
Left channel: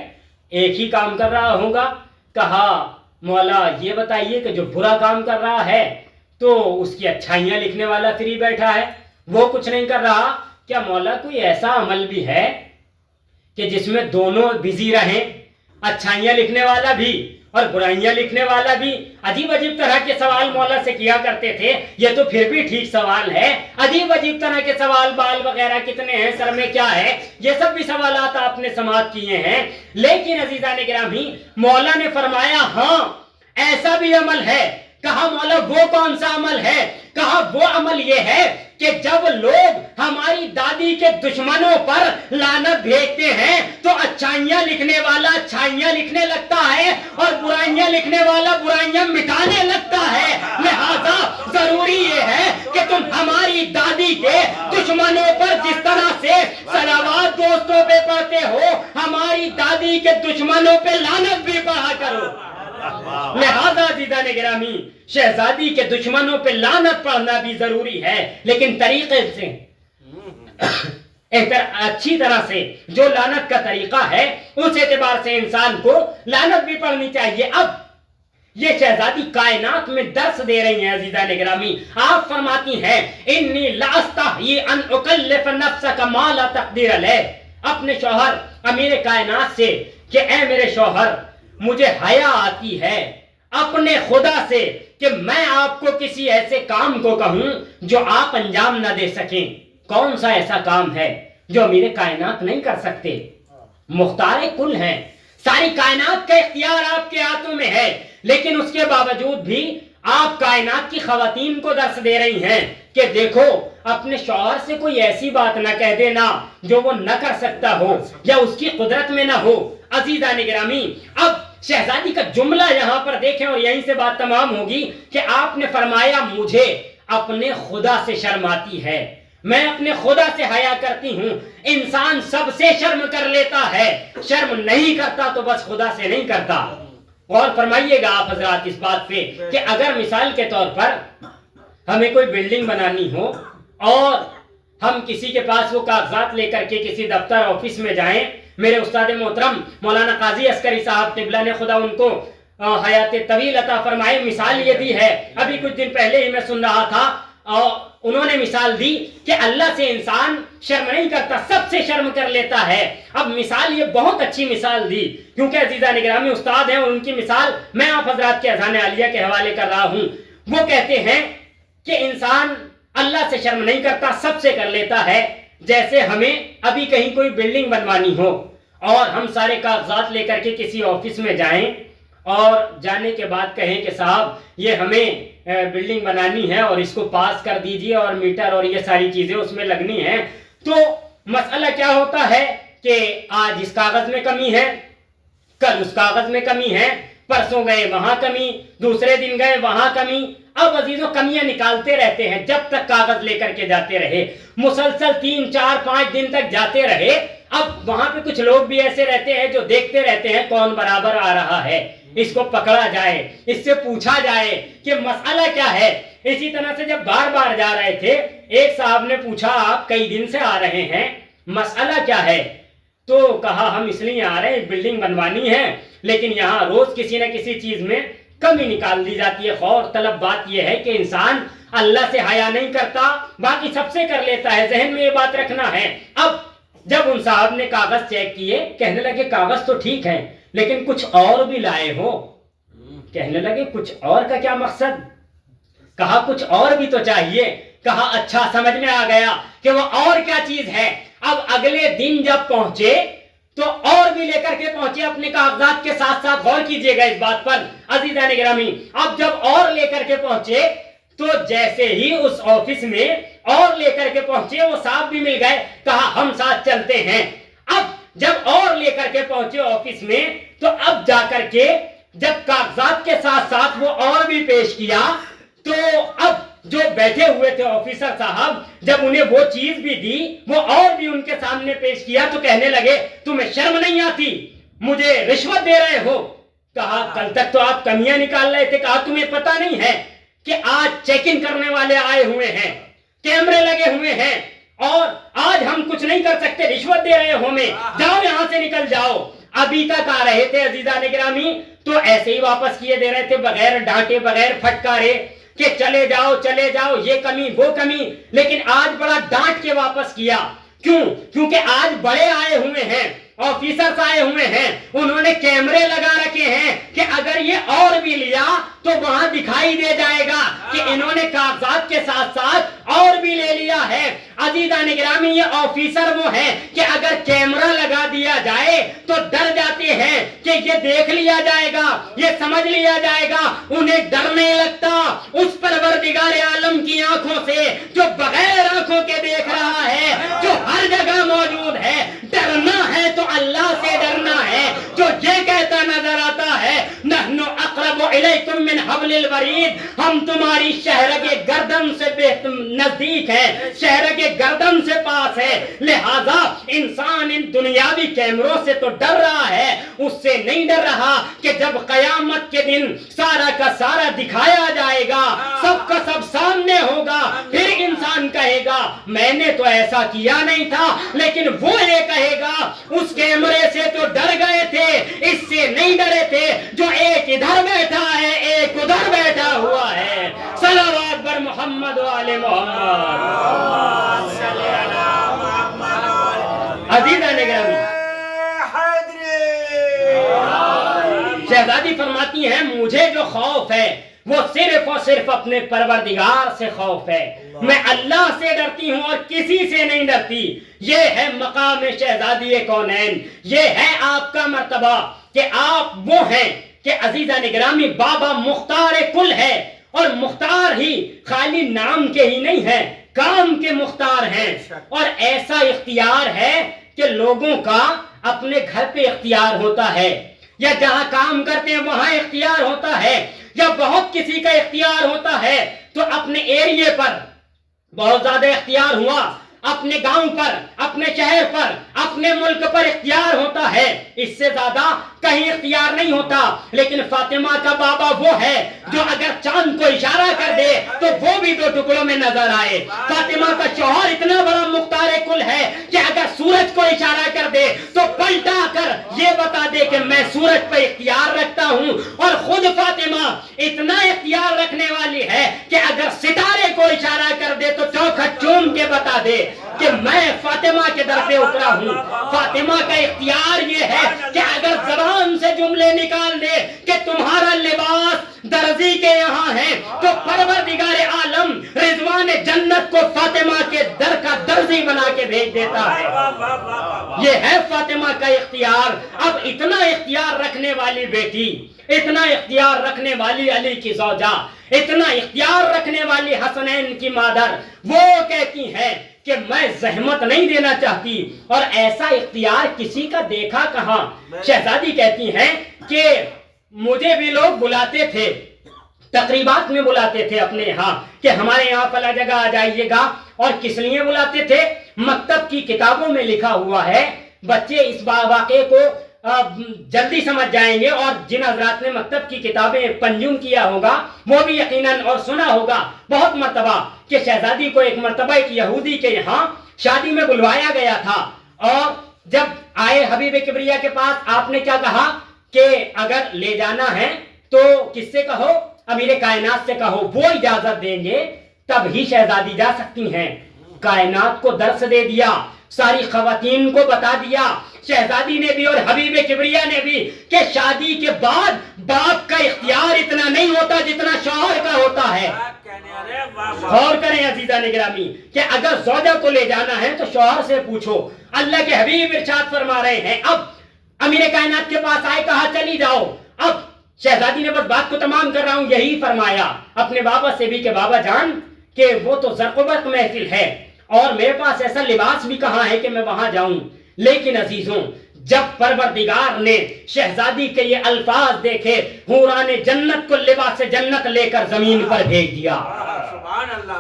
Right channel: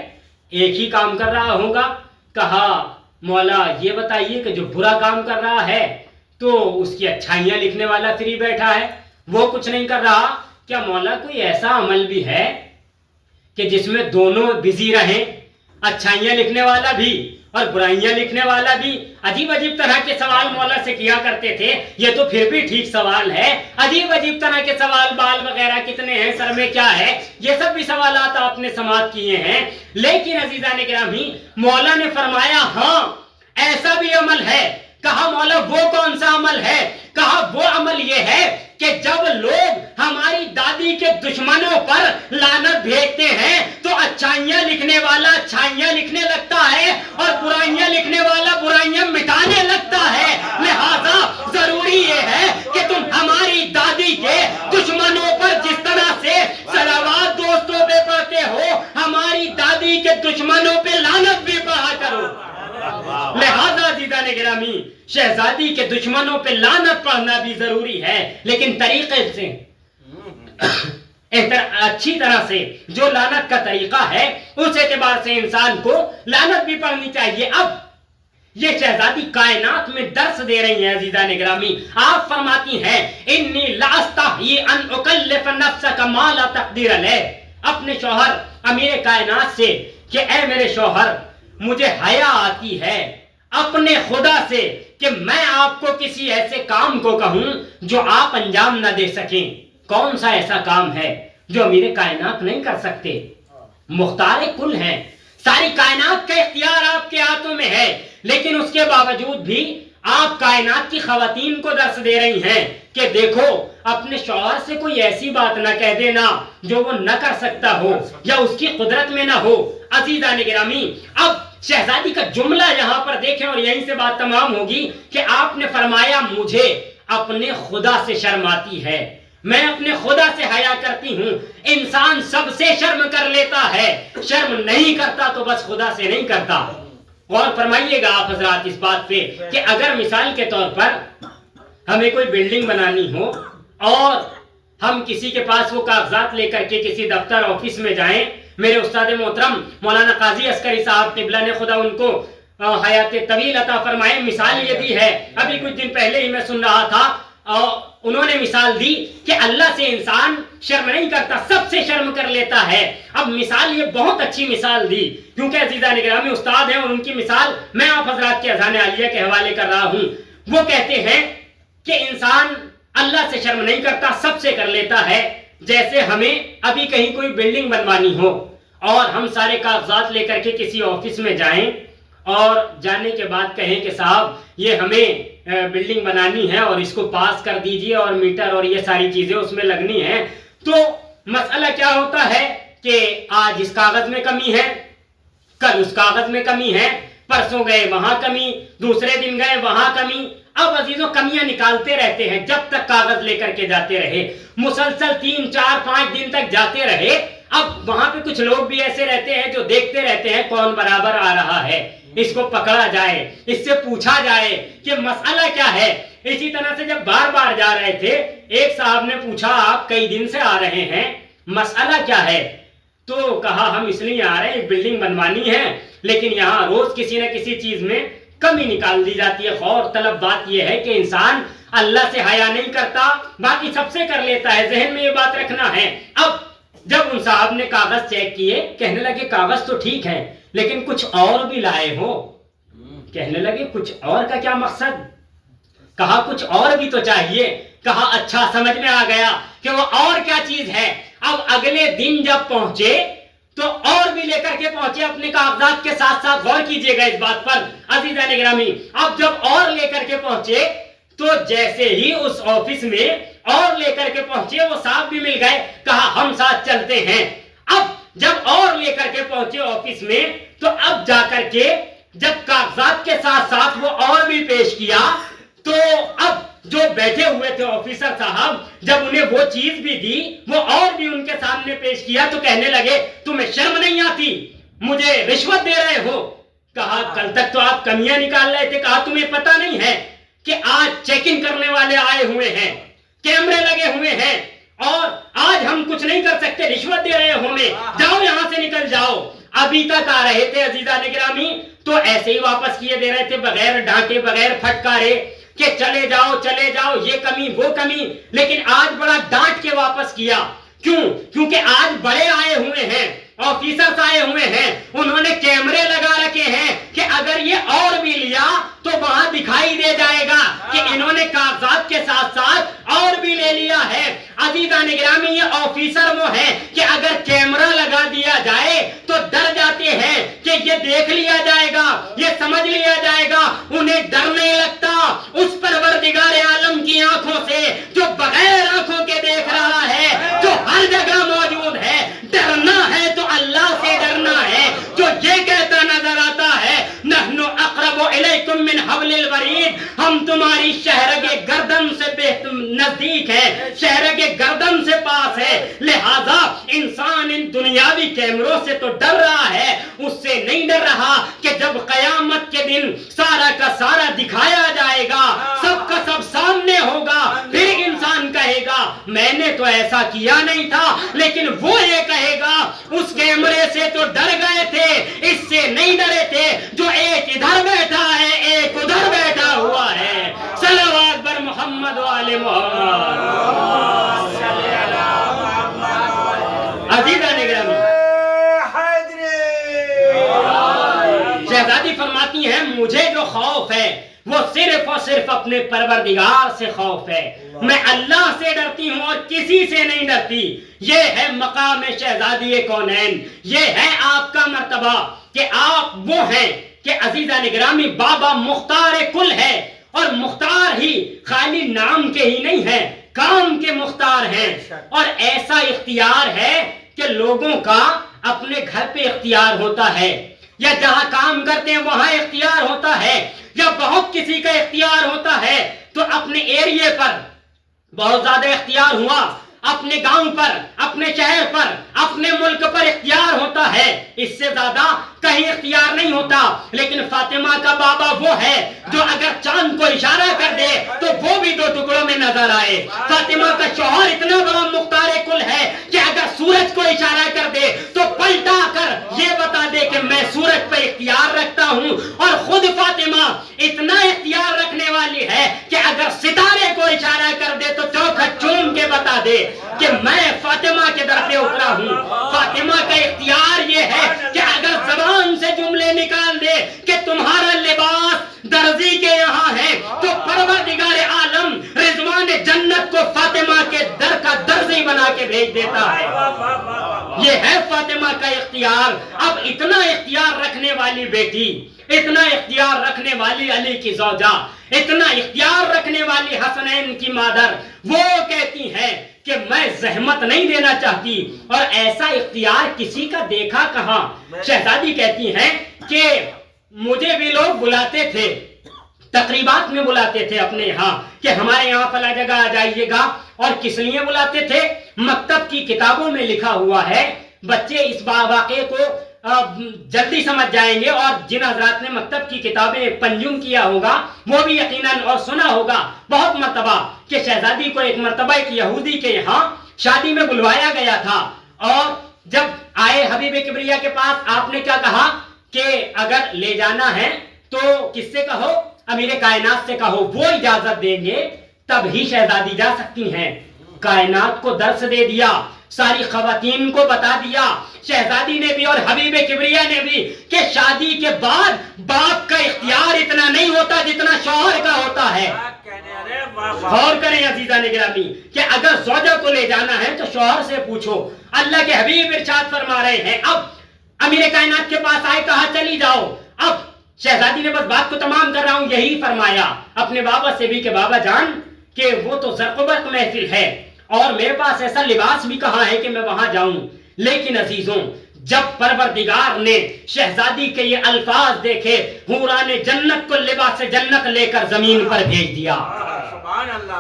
ایک ہی کام کر رہا ہوگا. کہا مولا یہ بتائیے کہ جو برا کام کر رہا ہے تو اس کی اچھائیاں لکھنے والا فری بیٹھا ہے, وہ کچھ نہیں کر رہا. کیا مولا کوئی ایسا عمل بھی ہے کہ جس میں دونوں بزی رہیں, اچھائیاں لکھنے والا بھی اور برائیاں لکھنے والا بھی؟ عجیب عجیب طرح کے سوال مولا سے کیا کرتے تھے. یہ تو پھر بھی ٹھیک سوال ہے, عجیب عجیب طرح کے سوال, بال وغیرہ کتنے ہیں, سر میں کیا ہے, یہ سب بھی سوالات آپ نے سماعت کیے ہیں. لیکن عزیزان گرامی مولا نے فرمایا ہاں ایسا بھی عمل ہے. کہا مولا وہ کون سا عمل ہے؟ کہا وہ عمل یہ ہے کہ جب لوگ ہماری دادی کے دشمنوں پر لعنت بھیجتے ہیں تو اچھائیاں لکھنے والا اچھائیاں لکھنے لگتا ہے اور برائیاں لکھنے والا برائیاں مٹانے لگتا ہے. لہذا ضروری یہ ہے کہ تم ہماری دادی کے دشمنوں پر جس طرح سے صلوات دوستوں پہ پڑھتے ہو ہماری دادی کے دشمنوں پہ لعنت بھی پڑھا کرو. لہذا عزیزان گرامی شہزادی کے دشمنوں پہ لعنت پڑھنا بھی ضروری ہے, لیکن طریقے سے اچھی طرح سے جو لعنت کا طریقہ ہے اس اعتبار سے انسان کو لعنت بھی پڑھنی چاہیے. اب یہ شہزادی کائنات میں درس دے رہی ہیں عزیزان گرامی. آپ فرماتی ہیں انی لاستحی ان اکلف نفسک ما لا تقدیر علیہ, اپنے شوہر امیر کائنات سے کہ اے میرے شوہر مجھے حیا آتی ہے اپنے خدا سے کہ میں آپ کو کسی ایسے کام کو کہوں جو آپ انجام نہ دے سکیں. کون سا ایسا کام ہے جو امیر کائنات نہیں کر سکتے؟ مختار کل ہیں, ساری کائنات کا اختیار آپ کے ہاتھوں میں ہے, لیکن اس کے باوجود بھی آپ کائنات کی خواتین کو درس دے رہی ہیں کہ دیکھو اپنے شوہر سے کوئی ایسی بات نہ کہہ دینا جو وہ نہ کر سکتا ہو یا اس کی قدرت میں نہ ہو. عزیزان گرامی اب شہزادی کا جملہ یہاں پر دیکھیں اور یہیں سے بات تمام ہوگی کہ آپ نے فرمایا مجھے اپنے خدا سے شرم آتی ہے, میں اپنے خدا سے حیا کرتی ہوں. انسان سب سے شرم کر لیتا ہے, شرم نہیں کرتا تو بس خدا سے نہیں کرتا. اور فرمائیے گا آپ حضرات اس بات پہ کہ اگر مثال کے طور پر ہمیں کوئی بلڈنگ بنانی ہو اور ہم کسی کے پاس وہ کاغذات لے کر کے کسی دفتر آفس میں جائیں, میرے استاد محترم مولانا قاضی عسکری صاحب قبلہ نے خدا ان کو حیات طویل عطا فرمائے مثال یہ دی ہے. ابھی کچھ دن پہلے ہی میں سن رہا تھا اور انہوں نے مثال دی کہ اللہ سے انسان شرم نہیں کرتا, سب سے شرم کر لیتا ہے. اب مثال یہ بہت اچھی مثال دی کیونکہ عزیزان گرامی استاد ہیں اور ان کی مثال میں آپ حضرات کے اذان عالیہ کے حوالے کر رہا ہوں. وہ کہتے ہیں کہ انسان اللہ سے شرم نہیں کرتا, سب سے کر لیتا ہے. جیسے ہمیں ابھی کہیں کوئی بلڈنگ بنوانی ہو اور ہم سارے کاغذات لے کر کے کسی آفس میں جائیں اور جانے کے بعد کہیں کہ صاحب یہ ہمیں بلڈنگ بنانی ہے اور اس کو پاس کر دیجئے اور میٹر اور یہ ساری چیزیں اس میں لگنی ہیں. تو مسئلہ کیا ہوتا ہے کہ آج اس کاغذ میں کمی ہے, کل اس کاغذ میں کمی ہے, پرسوں گئے وہاں کمی, دوسرے دن گئے وہاں کمی. اب عزیزوں کمیاں نکالتے رہتے ہیں جب تک کاغذ لے کر کے جاتے رہے, مسلسل 3 4 5 دن تک جاتے رہے. اب وہاں پہ کچھ لوگ بھی ایسے رہتے ہیں جو دیکھتے رہتے ہیں کون برابر آ رہا ہے, اس کو پکڑا جائے, اس سے پوچھا جائے کہ مسئلہ کیا ہے. اسی طرح سے جب بار بار جا رہے تھے ایک صاحب نے پوچھا آپ کئی دن سے آ رہے ہیں, مسئلہ کیا ہے؟ تو کہا ہم اس لیے آ رہے ہیں بلڈنگ بنوانی ہے لیکن یہاں روز کسی نہ کسی چیز میں کمی نکال دی جاتی ہے. غور طلب بات یہ ہے کہ انسان اللہ سے حیا نہیں کرتا, باقی سب سے کر لیتا ہے, ذہن میں یہ بات رکھنا ہے. اب جب ان صاحب نے کاغذ چیک کیے کہنے لگے کاغذ تو ٹھیک ہے لیکن کچھ اور بھی لائے ہو. کہنے لگے کچھ اور کا کیا مقصد؟ کہا کچھ اور بھی تو چاہیے. کہا اچھا سمجھ میں آ گیا کہ وہ اور کیا چیز ہے. اب اگلے دن جب پہنچے تو اور بھی لے کر کے پہنچے اپنے کاغذات کے ساتھ ساتھ. غور کیجئے گا اس بات پر عزیزان گرامی. اب جب اور لے کر کے پہنچے تو جیسے ہی اس آفس میں اور لے کر کے پہنچے وہ صاحب بھی مل گئے. کہا ہم ساتھ چلتے ہیں. اب جب اور لے کر کے پہنچے آفس میں تو اب جا کر کے جب کاغذات کے ساتھ ساتھ وہ اور بھی پیش کیا تو اب جو بیٹھے ہوئے تھے آفیسر صاحب جب انہیں وہ چیز بھی دی وہ اور بھی ان کے سامنے پیش کیا تو کہنے لگے تمہیں شرم نہیں آتی مجھے رشوت دے رہے ہو کہا کل تک تو آپ کمیاں نکال رہے تھے کہا تمہیں پتہ نہیں ہے کہ آج چیکنگ کرنے والے آئے ہوئے ہیں کیمرے لگے ہوئے ہیں اور آج ہم کچھ نہیں کر سکتے رشوت دے رہے ہو ہمیں جاؤ یہاں سے نکل جاؤ ابھی تک آ رہے تھے عزیزان گرامی تو ایسے ہی واپس کیے دے رہے تھے بغیر ڈانٹے بغیر پھٹکارے کہ چلے جاؤ یہ کمی وہ کمی لیکن آج بڑا ڈانٹ کے واپس کیا کیوں کیونکہ آج بڑے آئے ہوئے ہیں آفیسرز آئے ہوئے ہیں انہوں نے کیمرے لگا رکھے ہیں کہ اگر یہ اور بھی لیا تو وہاں دکھائی دے جائے گا کہ انہوں نے کاغذات کے ساتھ ساتھ اور بھی لے لیا ہے عزیزان گرامی یہ آفیسر وہ ہیں کہ اگر کیمرہ لگا دیا جائے تو ڈر جاتے ہیں کہ یہ دیکھ لیا جائے گا یہ سمجھ لیا جائے گا انہیں ڈر نہیں لگتا اس پروردگار عالم کی آنکھوں سے جو بغیر آنکھوں کے دیکھ رہا ہے جو ہر جگہ موجود ہے ڈرنا ہے تو اللہ سے ڈرنا ہے جو یہ کہتا نظر آتا ہے نحن اقرب الیکم من حبل الورید ہم تمہاری شہرگ گردن سے نزدیک ہے شہرگ گردن سے پاس ہے لہذا انسان ان دنیاوی کیمروں سے تو ڈر رہا ہے اس سے نہیں ڈر رہا کہ جب قیامت کے دن سارا کا سارا دکھایا جائے گا سب کا سب سامنے ہوگا پھر انسان کہے گا میں نے تو ایسا کیا نہیں تھا لیکن وہ یہ کہے گا اس کیمرے سے تو ڈر گئے تھے اس سے نہیں ڈرے تھے جو ایک ادھر بیٹھا ہے ایک ادھر بیٹھا ہوا ہے صلوات بر محمد و آل محمد عزیزان گرامی شہزادی فرماتی ہیں مجھے جو خوف ہے وہ صرف اور صرف اپنے پروردگار سے خوف ہے میں اللہ سے ڈرتی ہوں اور کسی سے نہیں ڈرتی یہ ہے مقام شہزادی کونین یہ ہے آپ کا مرتبہ کہ آپ وہ ہیں کہ عزیزان گرامی بابا مختار کل ہے اور مختار ہی خالی نام کے ہی نہیں ہے کام کے مختار ہیں اور ایسا اختیار ہے کہ لوگوں کا اپنے گھر پہ اختیار ہوتا ہے یا جہاں کام کرتے ہیں وہاں اختیار ہوتا ہے یا بہت کسی کا اختیار ہوتا ہے تو اپنے ایریے پر بہت زیادہ اختیار ہوا اپنے گاؤں پر اپنے شہر پر اپنے ملک پر اختیار ہوتا ہے اس سے زیادہ کہیں اختیار نہیں ہوتا لیکن فاطمہ کا بابا وہ ہے جو اگر چاند کو اشارہ کر دے تو وہ بھی دو ٹکڑوں میں نظر آئے فاطمہ کا شوہر اتنا بڑا مختار کل ہے کہ اگر سورج کو اشارہ کر دے تو پلٹا کر یہ بتا دے کہ میں سورج پر اختیار رکھتا ہوں اور خود فاطمہ اتنا اختیار رکھنے والی ہے کہ اگر ستارے کو اشارہ کر دے تو چوکھٹ چوم کے بتا دے کہ میں فاطمہ کے در پہ اترا ہوں فاطمہ کا اختیار یہ ہے کہ اگر زبان سے جملے نکال دے کہ تمہارا لباس درزی کے یہاں ہے تو پروردگار عالم رضوان جنت کو فاطمہ کے در کا درزی بنا کے بھیج دیتا ہے یہ ہے فاطمہ کا اختیار اب اتنا اختیار رکھنے والی بیٹی اتنا اختیار رکھنے والی علی کی زوجہ اتنا اختیار رکھنے والی حسنین کی مادر وہ کہتی ہے کہ میں زحمت نہیں دینا چاہتی اور ایسا اختیار کسی کا دیکھا کہاں شہزادی کہتی ہیں کہ مجھے بھی لوگ بلاتے تھے تقریبات میں بلاتے تھے اپنے یہاں کہ ہمارے یہاں فلاں جگہ آ جائیے گا اور کس لیے بلاتے تھے مکتب کی کتابوں میں لکھا ہوا ہے بچے اس واقعے کو جلدی سمجھ جائیں گے اور جن حضرات نے مکتب کی کتابیں کنزیوم کیا ہوگا وہ بھی یقیناً اور سنا ہوگا بہت مرتبہ کہ شہزادی کو ایک مرتبہ ایک یہودی کے یہاں شادی میں بلوایا گیا تھا اور جب آئے حبیب کبریا کے پاس آپ نے کیا کہا کہ اگر لے جانا ہے تو کس سے کہو امیر کائنات سے کہو وہ اجازت دیں گے تب ہی شہزادی جا سکتی ہیں کائنات کو درس دے دیا ساری خواتین کو بتا دیا شہزادی نے بھی اور حبیب کبریا نے بھی کہ شادی کے بعد باپ کا اختیار اتنا نہیں ہوتا جتنا شوہر کا ہوتا ہے غور کریں عزیزان گرامی کہ اگر زوجہ کو لے جانا ہے تو شوہر سے پوچھو اللہ کے حبیب ارشاد فرما رہے ہیں اب امیر کائنات کے پاس آئے کہا چلی جاؤ اب شہزادی نے بس بات کو تمام کر رہا ہوں یہی فرمایا اپنے بابا سے بھی کہ بابا جان کہ وہ تو زرقبت محفل ہے اور میرے پاس ایسا لباس بھی کہاں ہے کہ میں وہاں جاؤں لیکن عزیزوں جب پروردگار نے شہزادی کے یہ الفاظ دیکھے، حوران جنت کو لباس جنت لے کر زمین پر بھیج دیا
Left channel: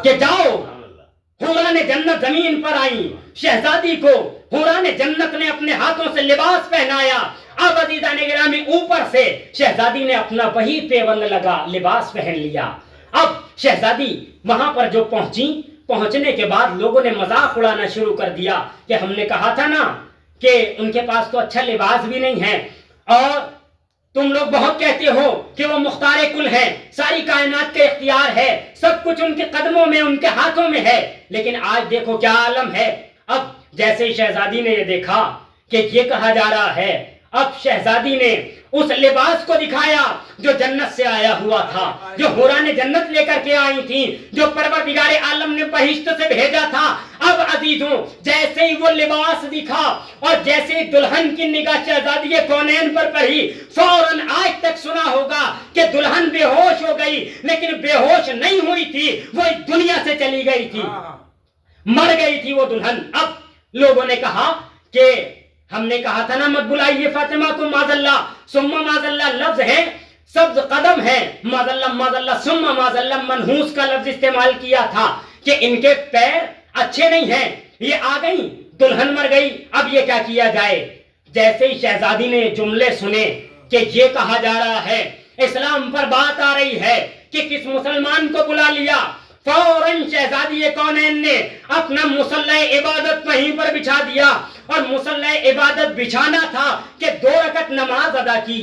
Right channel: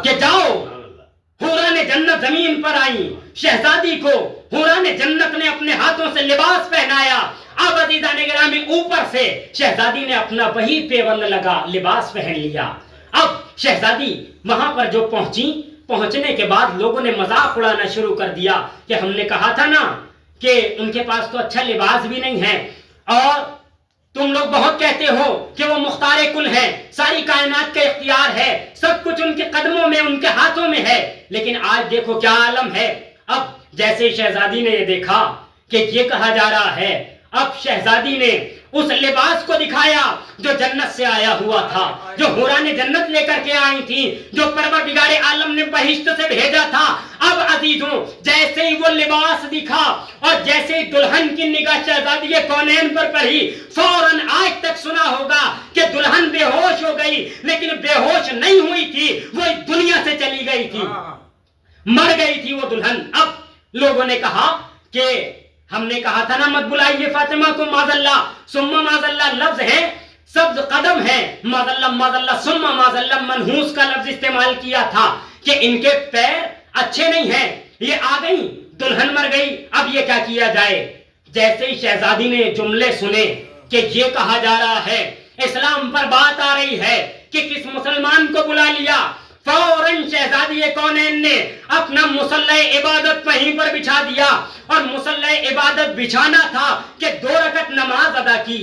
کہ جاؤ۔ حوران جنت زمین پر آئیں، شہزادی کو حوران جنت نے اپنے ہاتھوں سے لباس پہنایا۔ اب عزیزان گرامی اوپر سے شہزادی نے اپنا وہی پیوند لگا، لباس پہن لیا۔ اب شہزادی وہاں پر جو پہنچنے کے بعد لوگوں نے مذاق اڑانا شروع کر دیا کہ ہم نے کہا تھا نا کہ ان کے پاس تو اچھا لباس بھی نہیں ہے، اور تم لوگ بہت کہتے ہو کہ وہ مختار کل ہے، ساری کائنات کا اختیار ہے، سب کچھ ان کے قدموں میں، ان کے ہاتھوں میں ہے، لیکن آج دیکھو کیا عالم ہے۔ اب جیسے شہزادی نے یہ دیکھا کہ یہ کہا جا رہا ہے، اب شہزادی نے اس لباس کو دکھایا جو جنت سے آیا ہوا تھا، جو حوران جنت لے کر کے آئی تھی، جو پروردگار عالم نے بہشت سے بھیجا تھا۔ اب عزیزوں جیسے ہی وہ لباس دکھا اور جیسے ہی دلہن کی نگاہ شہزادی کونین پر پڑی، فوراً آج تک سنا ہوگا کہ دلہن بے ہوش ہو گئی، لیکن بے ہوش نہیں ہوئی تھی، وہ اس دنیا سے چلی گئی تھی، مر گئی تھی وہ دلہن۔ اب لوگوں نے کہا کہ ہم نے کہا تھا نا مت بلائیے فاطمہ کو، معاذ اللہ ثم معاذ اللہ لفظ ہے، سبز قدم ہے، معاذ اللہ ثم معاذ اللہ منحوس کا لفظ استعمال کیا تھا کہ ان کے پیر اچھے نہیں ہیں، یہ آ گئی دلہن مر گئی، اب یہ کیا کیا جائے۔ جیسے ہی شہزادی نے جملے سنے کہ یہ کہا جا رہا ہے، اسلام پر بات آ رہی ہے کہ کس مسلمان کو بلا لیا، فوراً شہزادی کونین نے اپنا مصلی عبادت وہیں پر بچھا دیا، اور مصلی عبادت بچھانا تھا کہ 2 رکعت نماز ادا کی،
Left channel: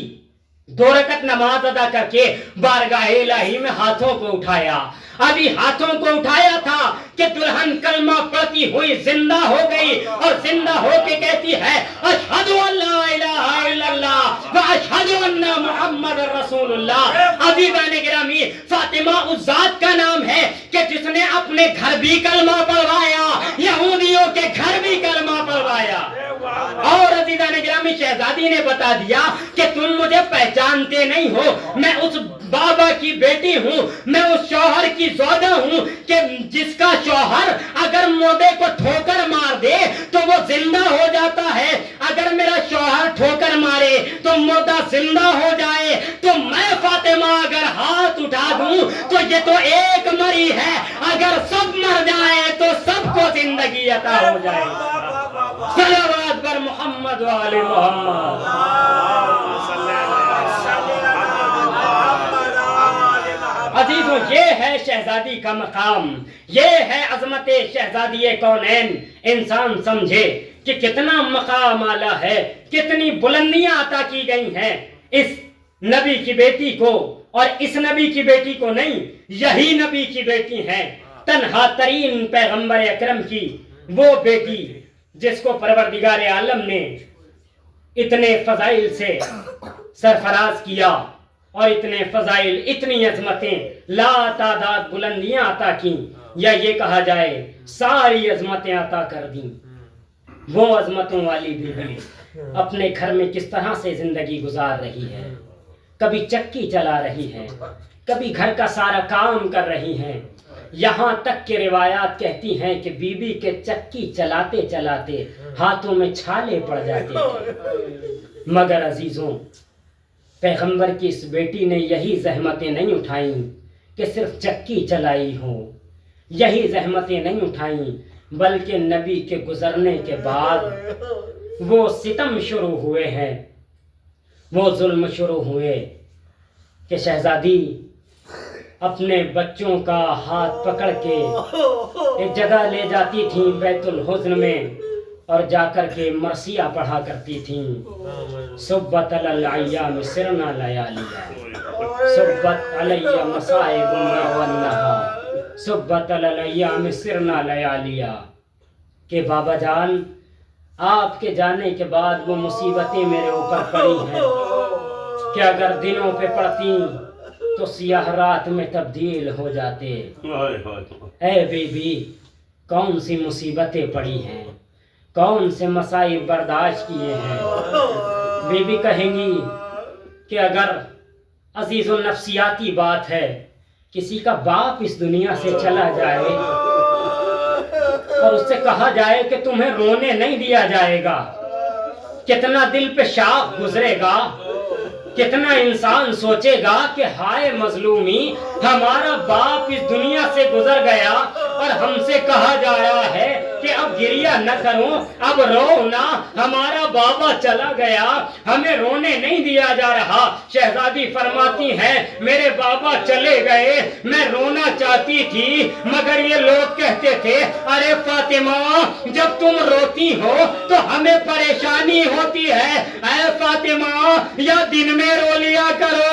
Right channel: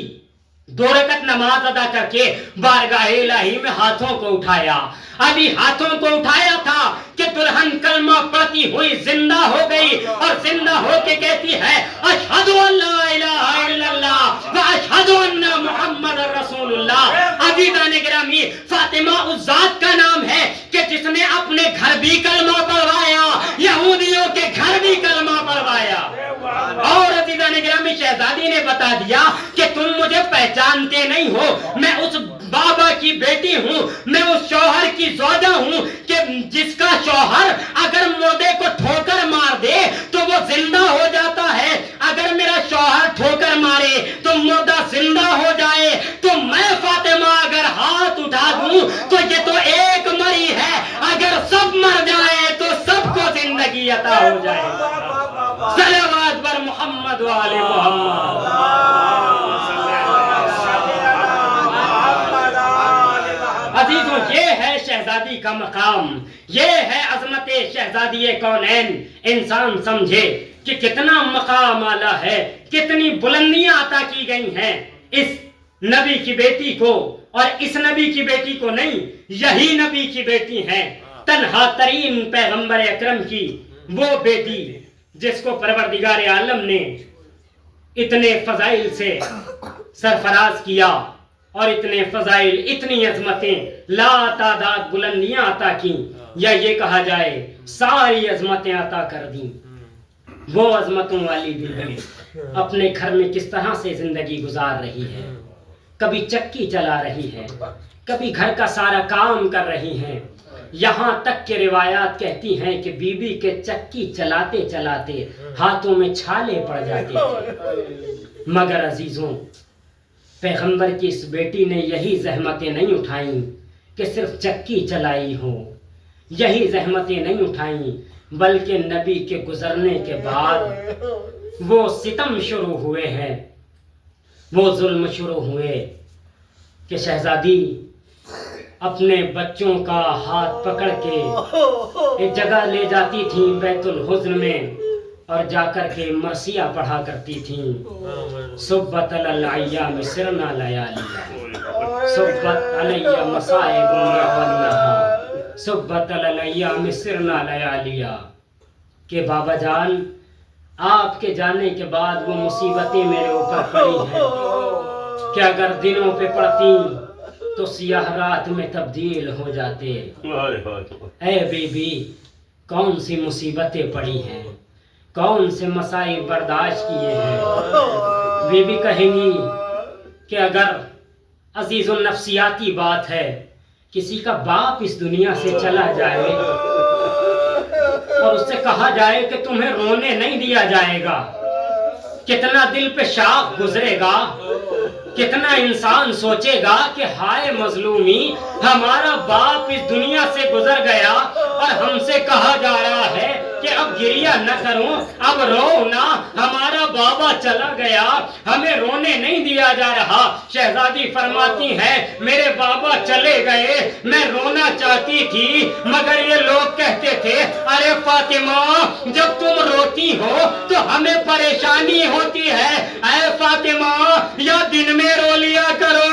2 رکعت نماز ادا کر کے بارگاہ الہی میں ہاتھوں کو اٹھایا۔ ابھی ہاتھوں کو اٹھایا تھا کہ دلہن کلمہ پڑھتی ہوئی زندہ ہو گئی، اور زندہ ہو کے کہتی ہے اشہد ان لا الہ الا اللہ و اشہد ان محمد رسول اللہ۔ عزیزان گرامی فاطمہ اس ذات کا نام ہے کہ جس نے اپنے گھر بھی کلمہ پڑھوایا، یہودیوں کے گھر بھی کلمہ پڑھوایا۔ اور عزیزان گرامی شہزادی نے بتا دیا کہ تم مجھے پہچانتے نہیں ہو، میں اس بابا کی بیٹی ہوں، میں اس شوہر کی زوجہ ہوں کہ جس کا شوہر اگر مردے کو ٹھوکر مار دے تو وہ زندہ ہو جاتا ہے، اگر میرا شوہر ٹھوکر مارے تو مردہ زندہ ہو جائے، تو میں فاطمہ اگر ہاتھ اٹھا دوں تو یہ تو ایک مری ہے، اگر سب مر جائے تو سب کو زندگی عطا ہو جائے۔ صلوات بر محمد و آل محمد۔ عزیزوں یہ ہے شہزادی کا مقام، یہ ہے عظمت شہزادی کونین۔ انسان سمجھے کہ کتنا مقام اعلیٰ ہے، کتنی بلندیاں عطا کی گئی ہیں اس نبی کی بیٹی کو، اور اس نبی کی بیٹی کو نہیں، یہی نبی کی بیٹی ہے، تنہا ترین پیغمبر اکرم کی وہ بیٹی جس کو پروردگار عالم نے اتنے فضائل سے سرفراز کیا، اور اتنے فضائل، اتنی عظمتیں، لا تعداد بلندیاں عطا کیں، یا یہ کہا جائے ساری عظمتیں عطا کر دیں۔ وہ عظمتوں والی بیوی اپنے گھر میں کس طرح سے زندگی گزار رہی ہے، کبھی چکی چلا رہی ہے، کبھی گھر کا سارا کام کر رہی ہے، یہاں تک کہ روایات کہتی ہیں کہ بی بی کے چکی چلاتے چلاتے ہاتھوں میں چھالے پڑ جاتے تھے۔ مگر عزیزوں پیغمبر کی اس بیٹی نے یہی زحمتیں نہیں اٹھائیں کہ صرف چکی چلائی ہو، یہی زحمتیں نہیں اٹھائیں، بلکہ نبی کے گزرنے کے بعد وہ ستم شروع ہوئے ہیں، وہ ظلم شروع ہوئے کہ شہزادی اپنے بچوں کا ہاتھ پکڑ کے ایک جگہ لے جاتی تھیں بیت الحزن میں، اور جا کر کے مرثیہ پڑھا کرتی تھیں، صبت الایام سرنا لیالیا، صبت علی مصائب والنہا، صبت الایام سرنا لیالیا، کہ بابا جان آپ کے جانے کے بعد وہ مصیبتیں میرے اوپر پڑی ہیں کہ اگر دنوں پہ پڑتی تو سیاہ رات میں تبدیل ہو جاتے۔ اے بی بی کون سی مصیبتیں پڑی ہیں، کون سے مصائب برداشت کیے ہیں۔ بی بی کہیں گی کہ اگر عزیز النفسیاتی بات ہے، کسی کا باپ اس دنیا سے چلا جائے اور اس سے کہا جائے کہ تمہیں رونے نہیں دیا جائے گا، کتنا دل پہ شاخ گزرے گا، کتنا انسان سوچے گا کہ ہائے مظلومی، ہمارا باپ اس دنیا سے گزر گیا اور ہم سے کہا جا رہا ہے کہ اب گریہ نہ کروں، اب رو نہ، ہمارا بابا چلا گیا، ہمیں رونے نہیں دیا جا رہا۔ شہزادی فرماتی ہیں میرے بابا چلے گئے، میں رونا چاہتی تھی مگر یہ لوگ کہتے تھے ارے فاطمہ جب تم روتی ہو تو ہمیں پریشانی ہوتی ہے، اے فاطمہ یا دن میں رو لیا کرو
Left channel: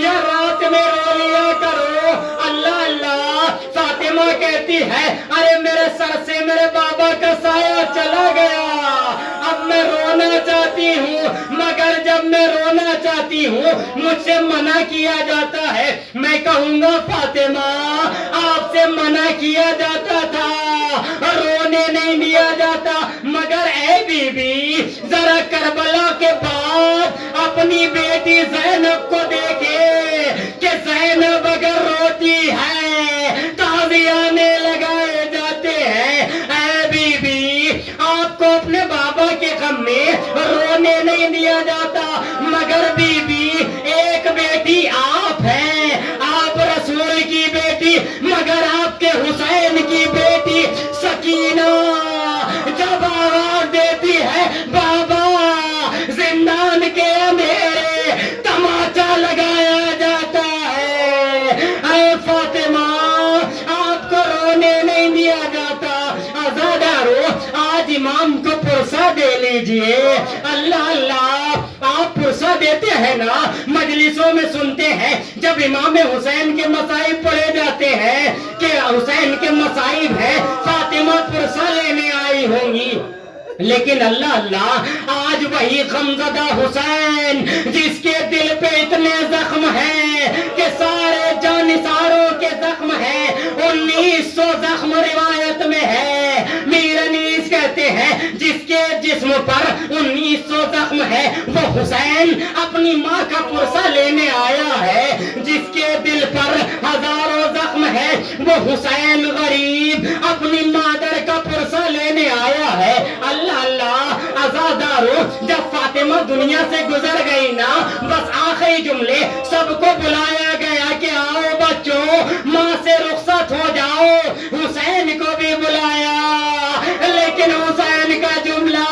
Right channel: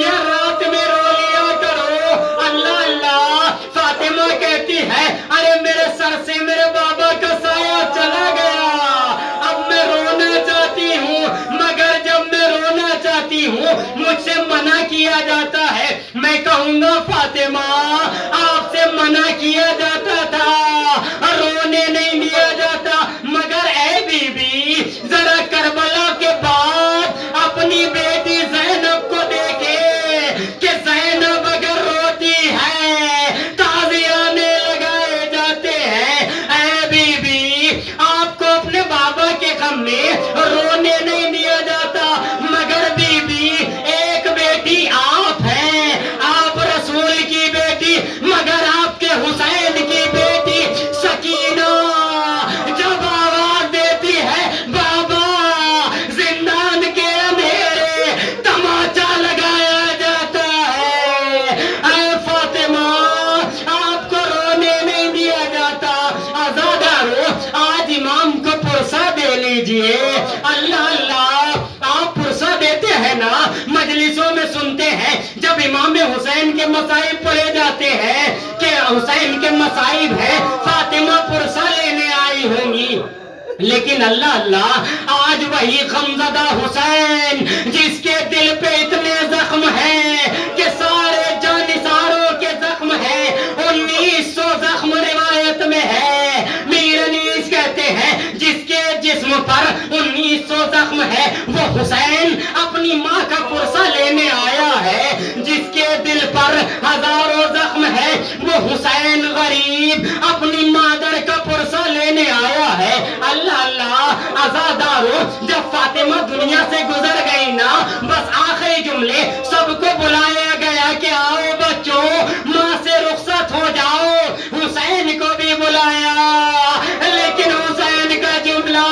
یا رات میں رو لیا کرو۔ اللہ اللہ، فاطمہ کہتی ہے ارے میرے سر سے میرے بابا کا سایہ چلا گیا، اب میں رونا چاہتی ہوں مگر جب میں رونا چاہتی ہوں مجھ سے منع کیا جاتا ہے۔ میں کہوں گا فاطمہ آپ سے منع کیا جاتا تھا، رونے نہیں دیا جاتا، مگر اے بی بی ذرا کربلا کے بعد اپنی بیٹی زینب کو دیکھے کہ زینب اگر روتی ہے تازیانے لگائے جاتے ہیں۔ اے بی بی آپ کو اپنے بابا کے غم میں رونے نہیں دیا جاتا، مگر بی بی ایک بیٹی آپ ہیں، آپ رسول کی بیٹی، مگر آپ کے حسین کی بیٹی سکینہ جب آواز دیتی ہے بابا زندان کے اندھیرے تماچا لگایا جاتا ہے۔ اے فاطمہ آپ کو رونے نہیں دیا جاتا، آزادارو آج امام کو پرسہ دے لیجئے۔ اللہ اللہ، آپ پرسہ دیتے ہیں نا، مجلسوں میں سنتے ہیں جب امام حسین کے مصائب پڑھے جاتے ہیں کہ حسین کے مصائب ہیں، فاطمہ پرسہ لینے آئی ہوں گی، لیکن اللہ اللہ آج وہی غمزدہ حسین جس کے دل پہ اتنے زخم ہیں کہ سارے جانثاروں کے زخم ہیں، 1900 زخم روایت میں ہے، میر انیس کہتے ہیں جس کے جسم پر 1900 زخم ہے وہ حسین اپنی ماں کا پرسہ لینے آیا ہے، جس کے دل پر ہزاروں زخم ہے وہ حسین غریب اپنی مادر کا پرسہ لینے آیا ہے۔ اللہ اللہ، عزادارو جب فاطمہ دنیا سے گزر گئی نا، بس آخری جملے سب کو بلایا گیا کہ آؤ بچوں ماں سے رخصت ہو جاؤ، حسین کو بھی بلایا، لیکن حسین کا جملہ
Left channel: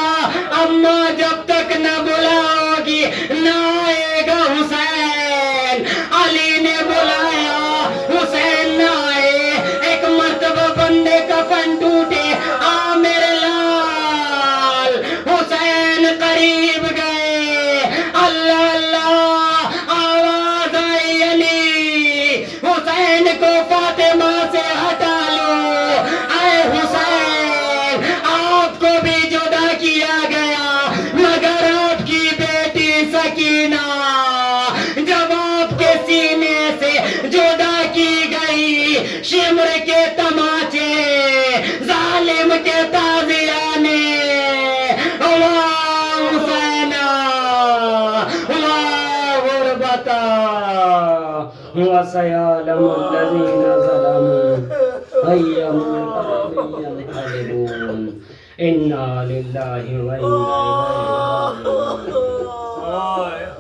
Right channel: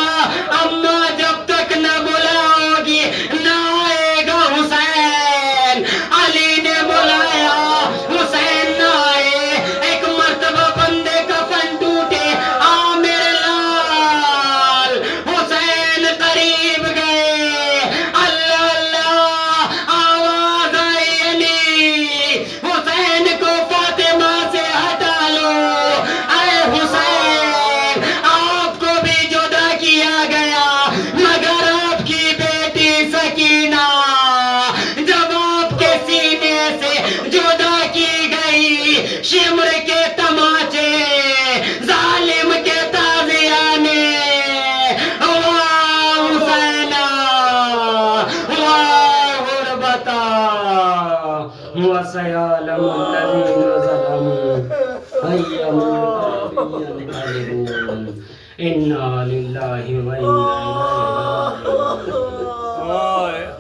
اماں جب تک نہ بلاؤ گی نہ آئے گا حسین۔ علی نے بلایا، حسین نہ آئے، ایک مرتبہ بندے کا فن ٹوٹے، آ میرے لال، حسین قریب گئے، اللہ اللہ آواز آئی علی حسین کو فاطمہ سے ہٹا لو، اے حسین آپ کو بھی جدا کیا گیا مگر آپ کی بیٹی سکینہ جب آپ کے سینے سے جدا کی گئی، شمر کے تماچے ظالم کے تازیانے، واہ حسینہ واہ غربتا وسيعلم الذين ظلموا أي منقلب ينقلبون إنا لله وإنا إليه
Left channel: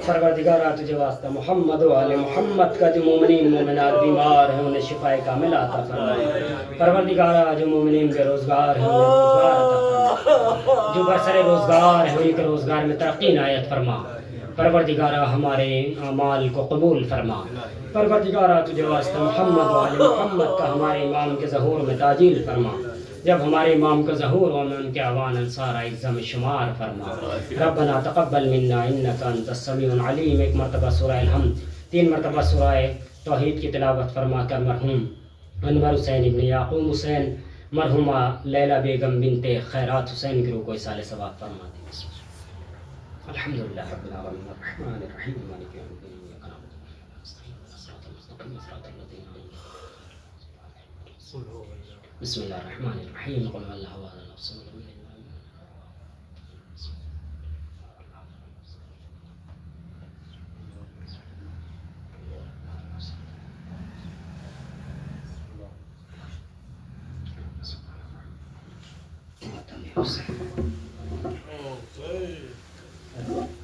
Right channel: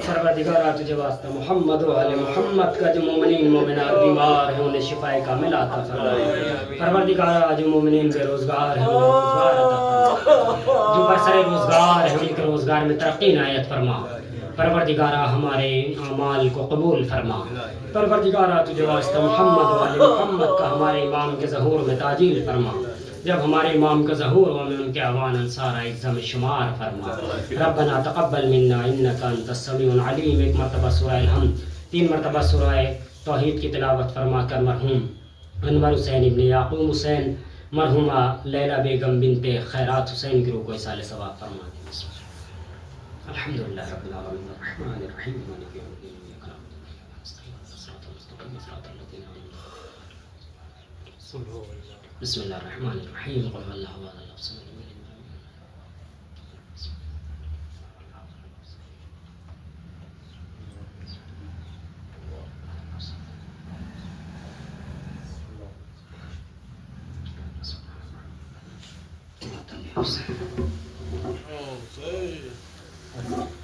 پروردگارہ تجھے واسطہ محمد و آل محمد کا جو مومنین مومنات بیمار ہیں انہیں شفاء کامل عطا فرما، پروردگارہ جو مومنین بے روزگار ہیں انہیں روزگار عطا فرما، جو برسر روزگار ہیں ان کے روزگار میں ترقی عنایت فرما، پروردگارہ ہمارے اعمال کو قبول فرما، پروردگارہ تجھے واسطہ محمد و آل محمد کا ہمارے امام کے ظہور میں تعجیل فرما، جب ہمارے امام کا ظہور ہو میں ان کے اعوان انصار اعزہ میں شمار فرما۔ ربنا تقبل منا انک انت السمیع العلیم، ایک مرتبہ سورہ الحمد، 3 مرتبہ سورہ توحید کی تلاوت فرما کر مرحوم انور حسین ابن یعقوب حسین، مرحومہ لیلہ بیگم بنت خیرات حسین کی روح کو ایصال ثواب فرما دیں۔ الحمدللہ رب العالمین الرحمن الرحیم مالک یوم الدین ایاک نعبد و ایاک نستعین اهدنا الصراط المستقیم صراط الذین انعمت علیہم۔ بسم اللہ الرحمن الرحیم، قل هو اللہ احد اللہ الصمد لم یلد ولم یولد ولم یکن له کفوا احد۔ پڑھیں.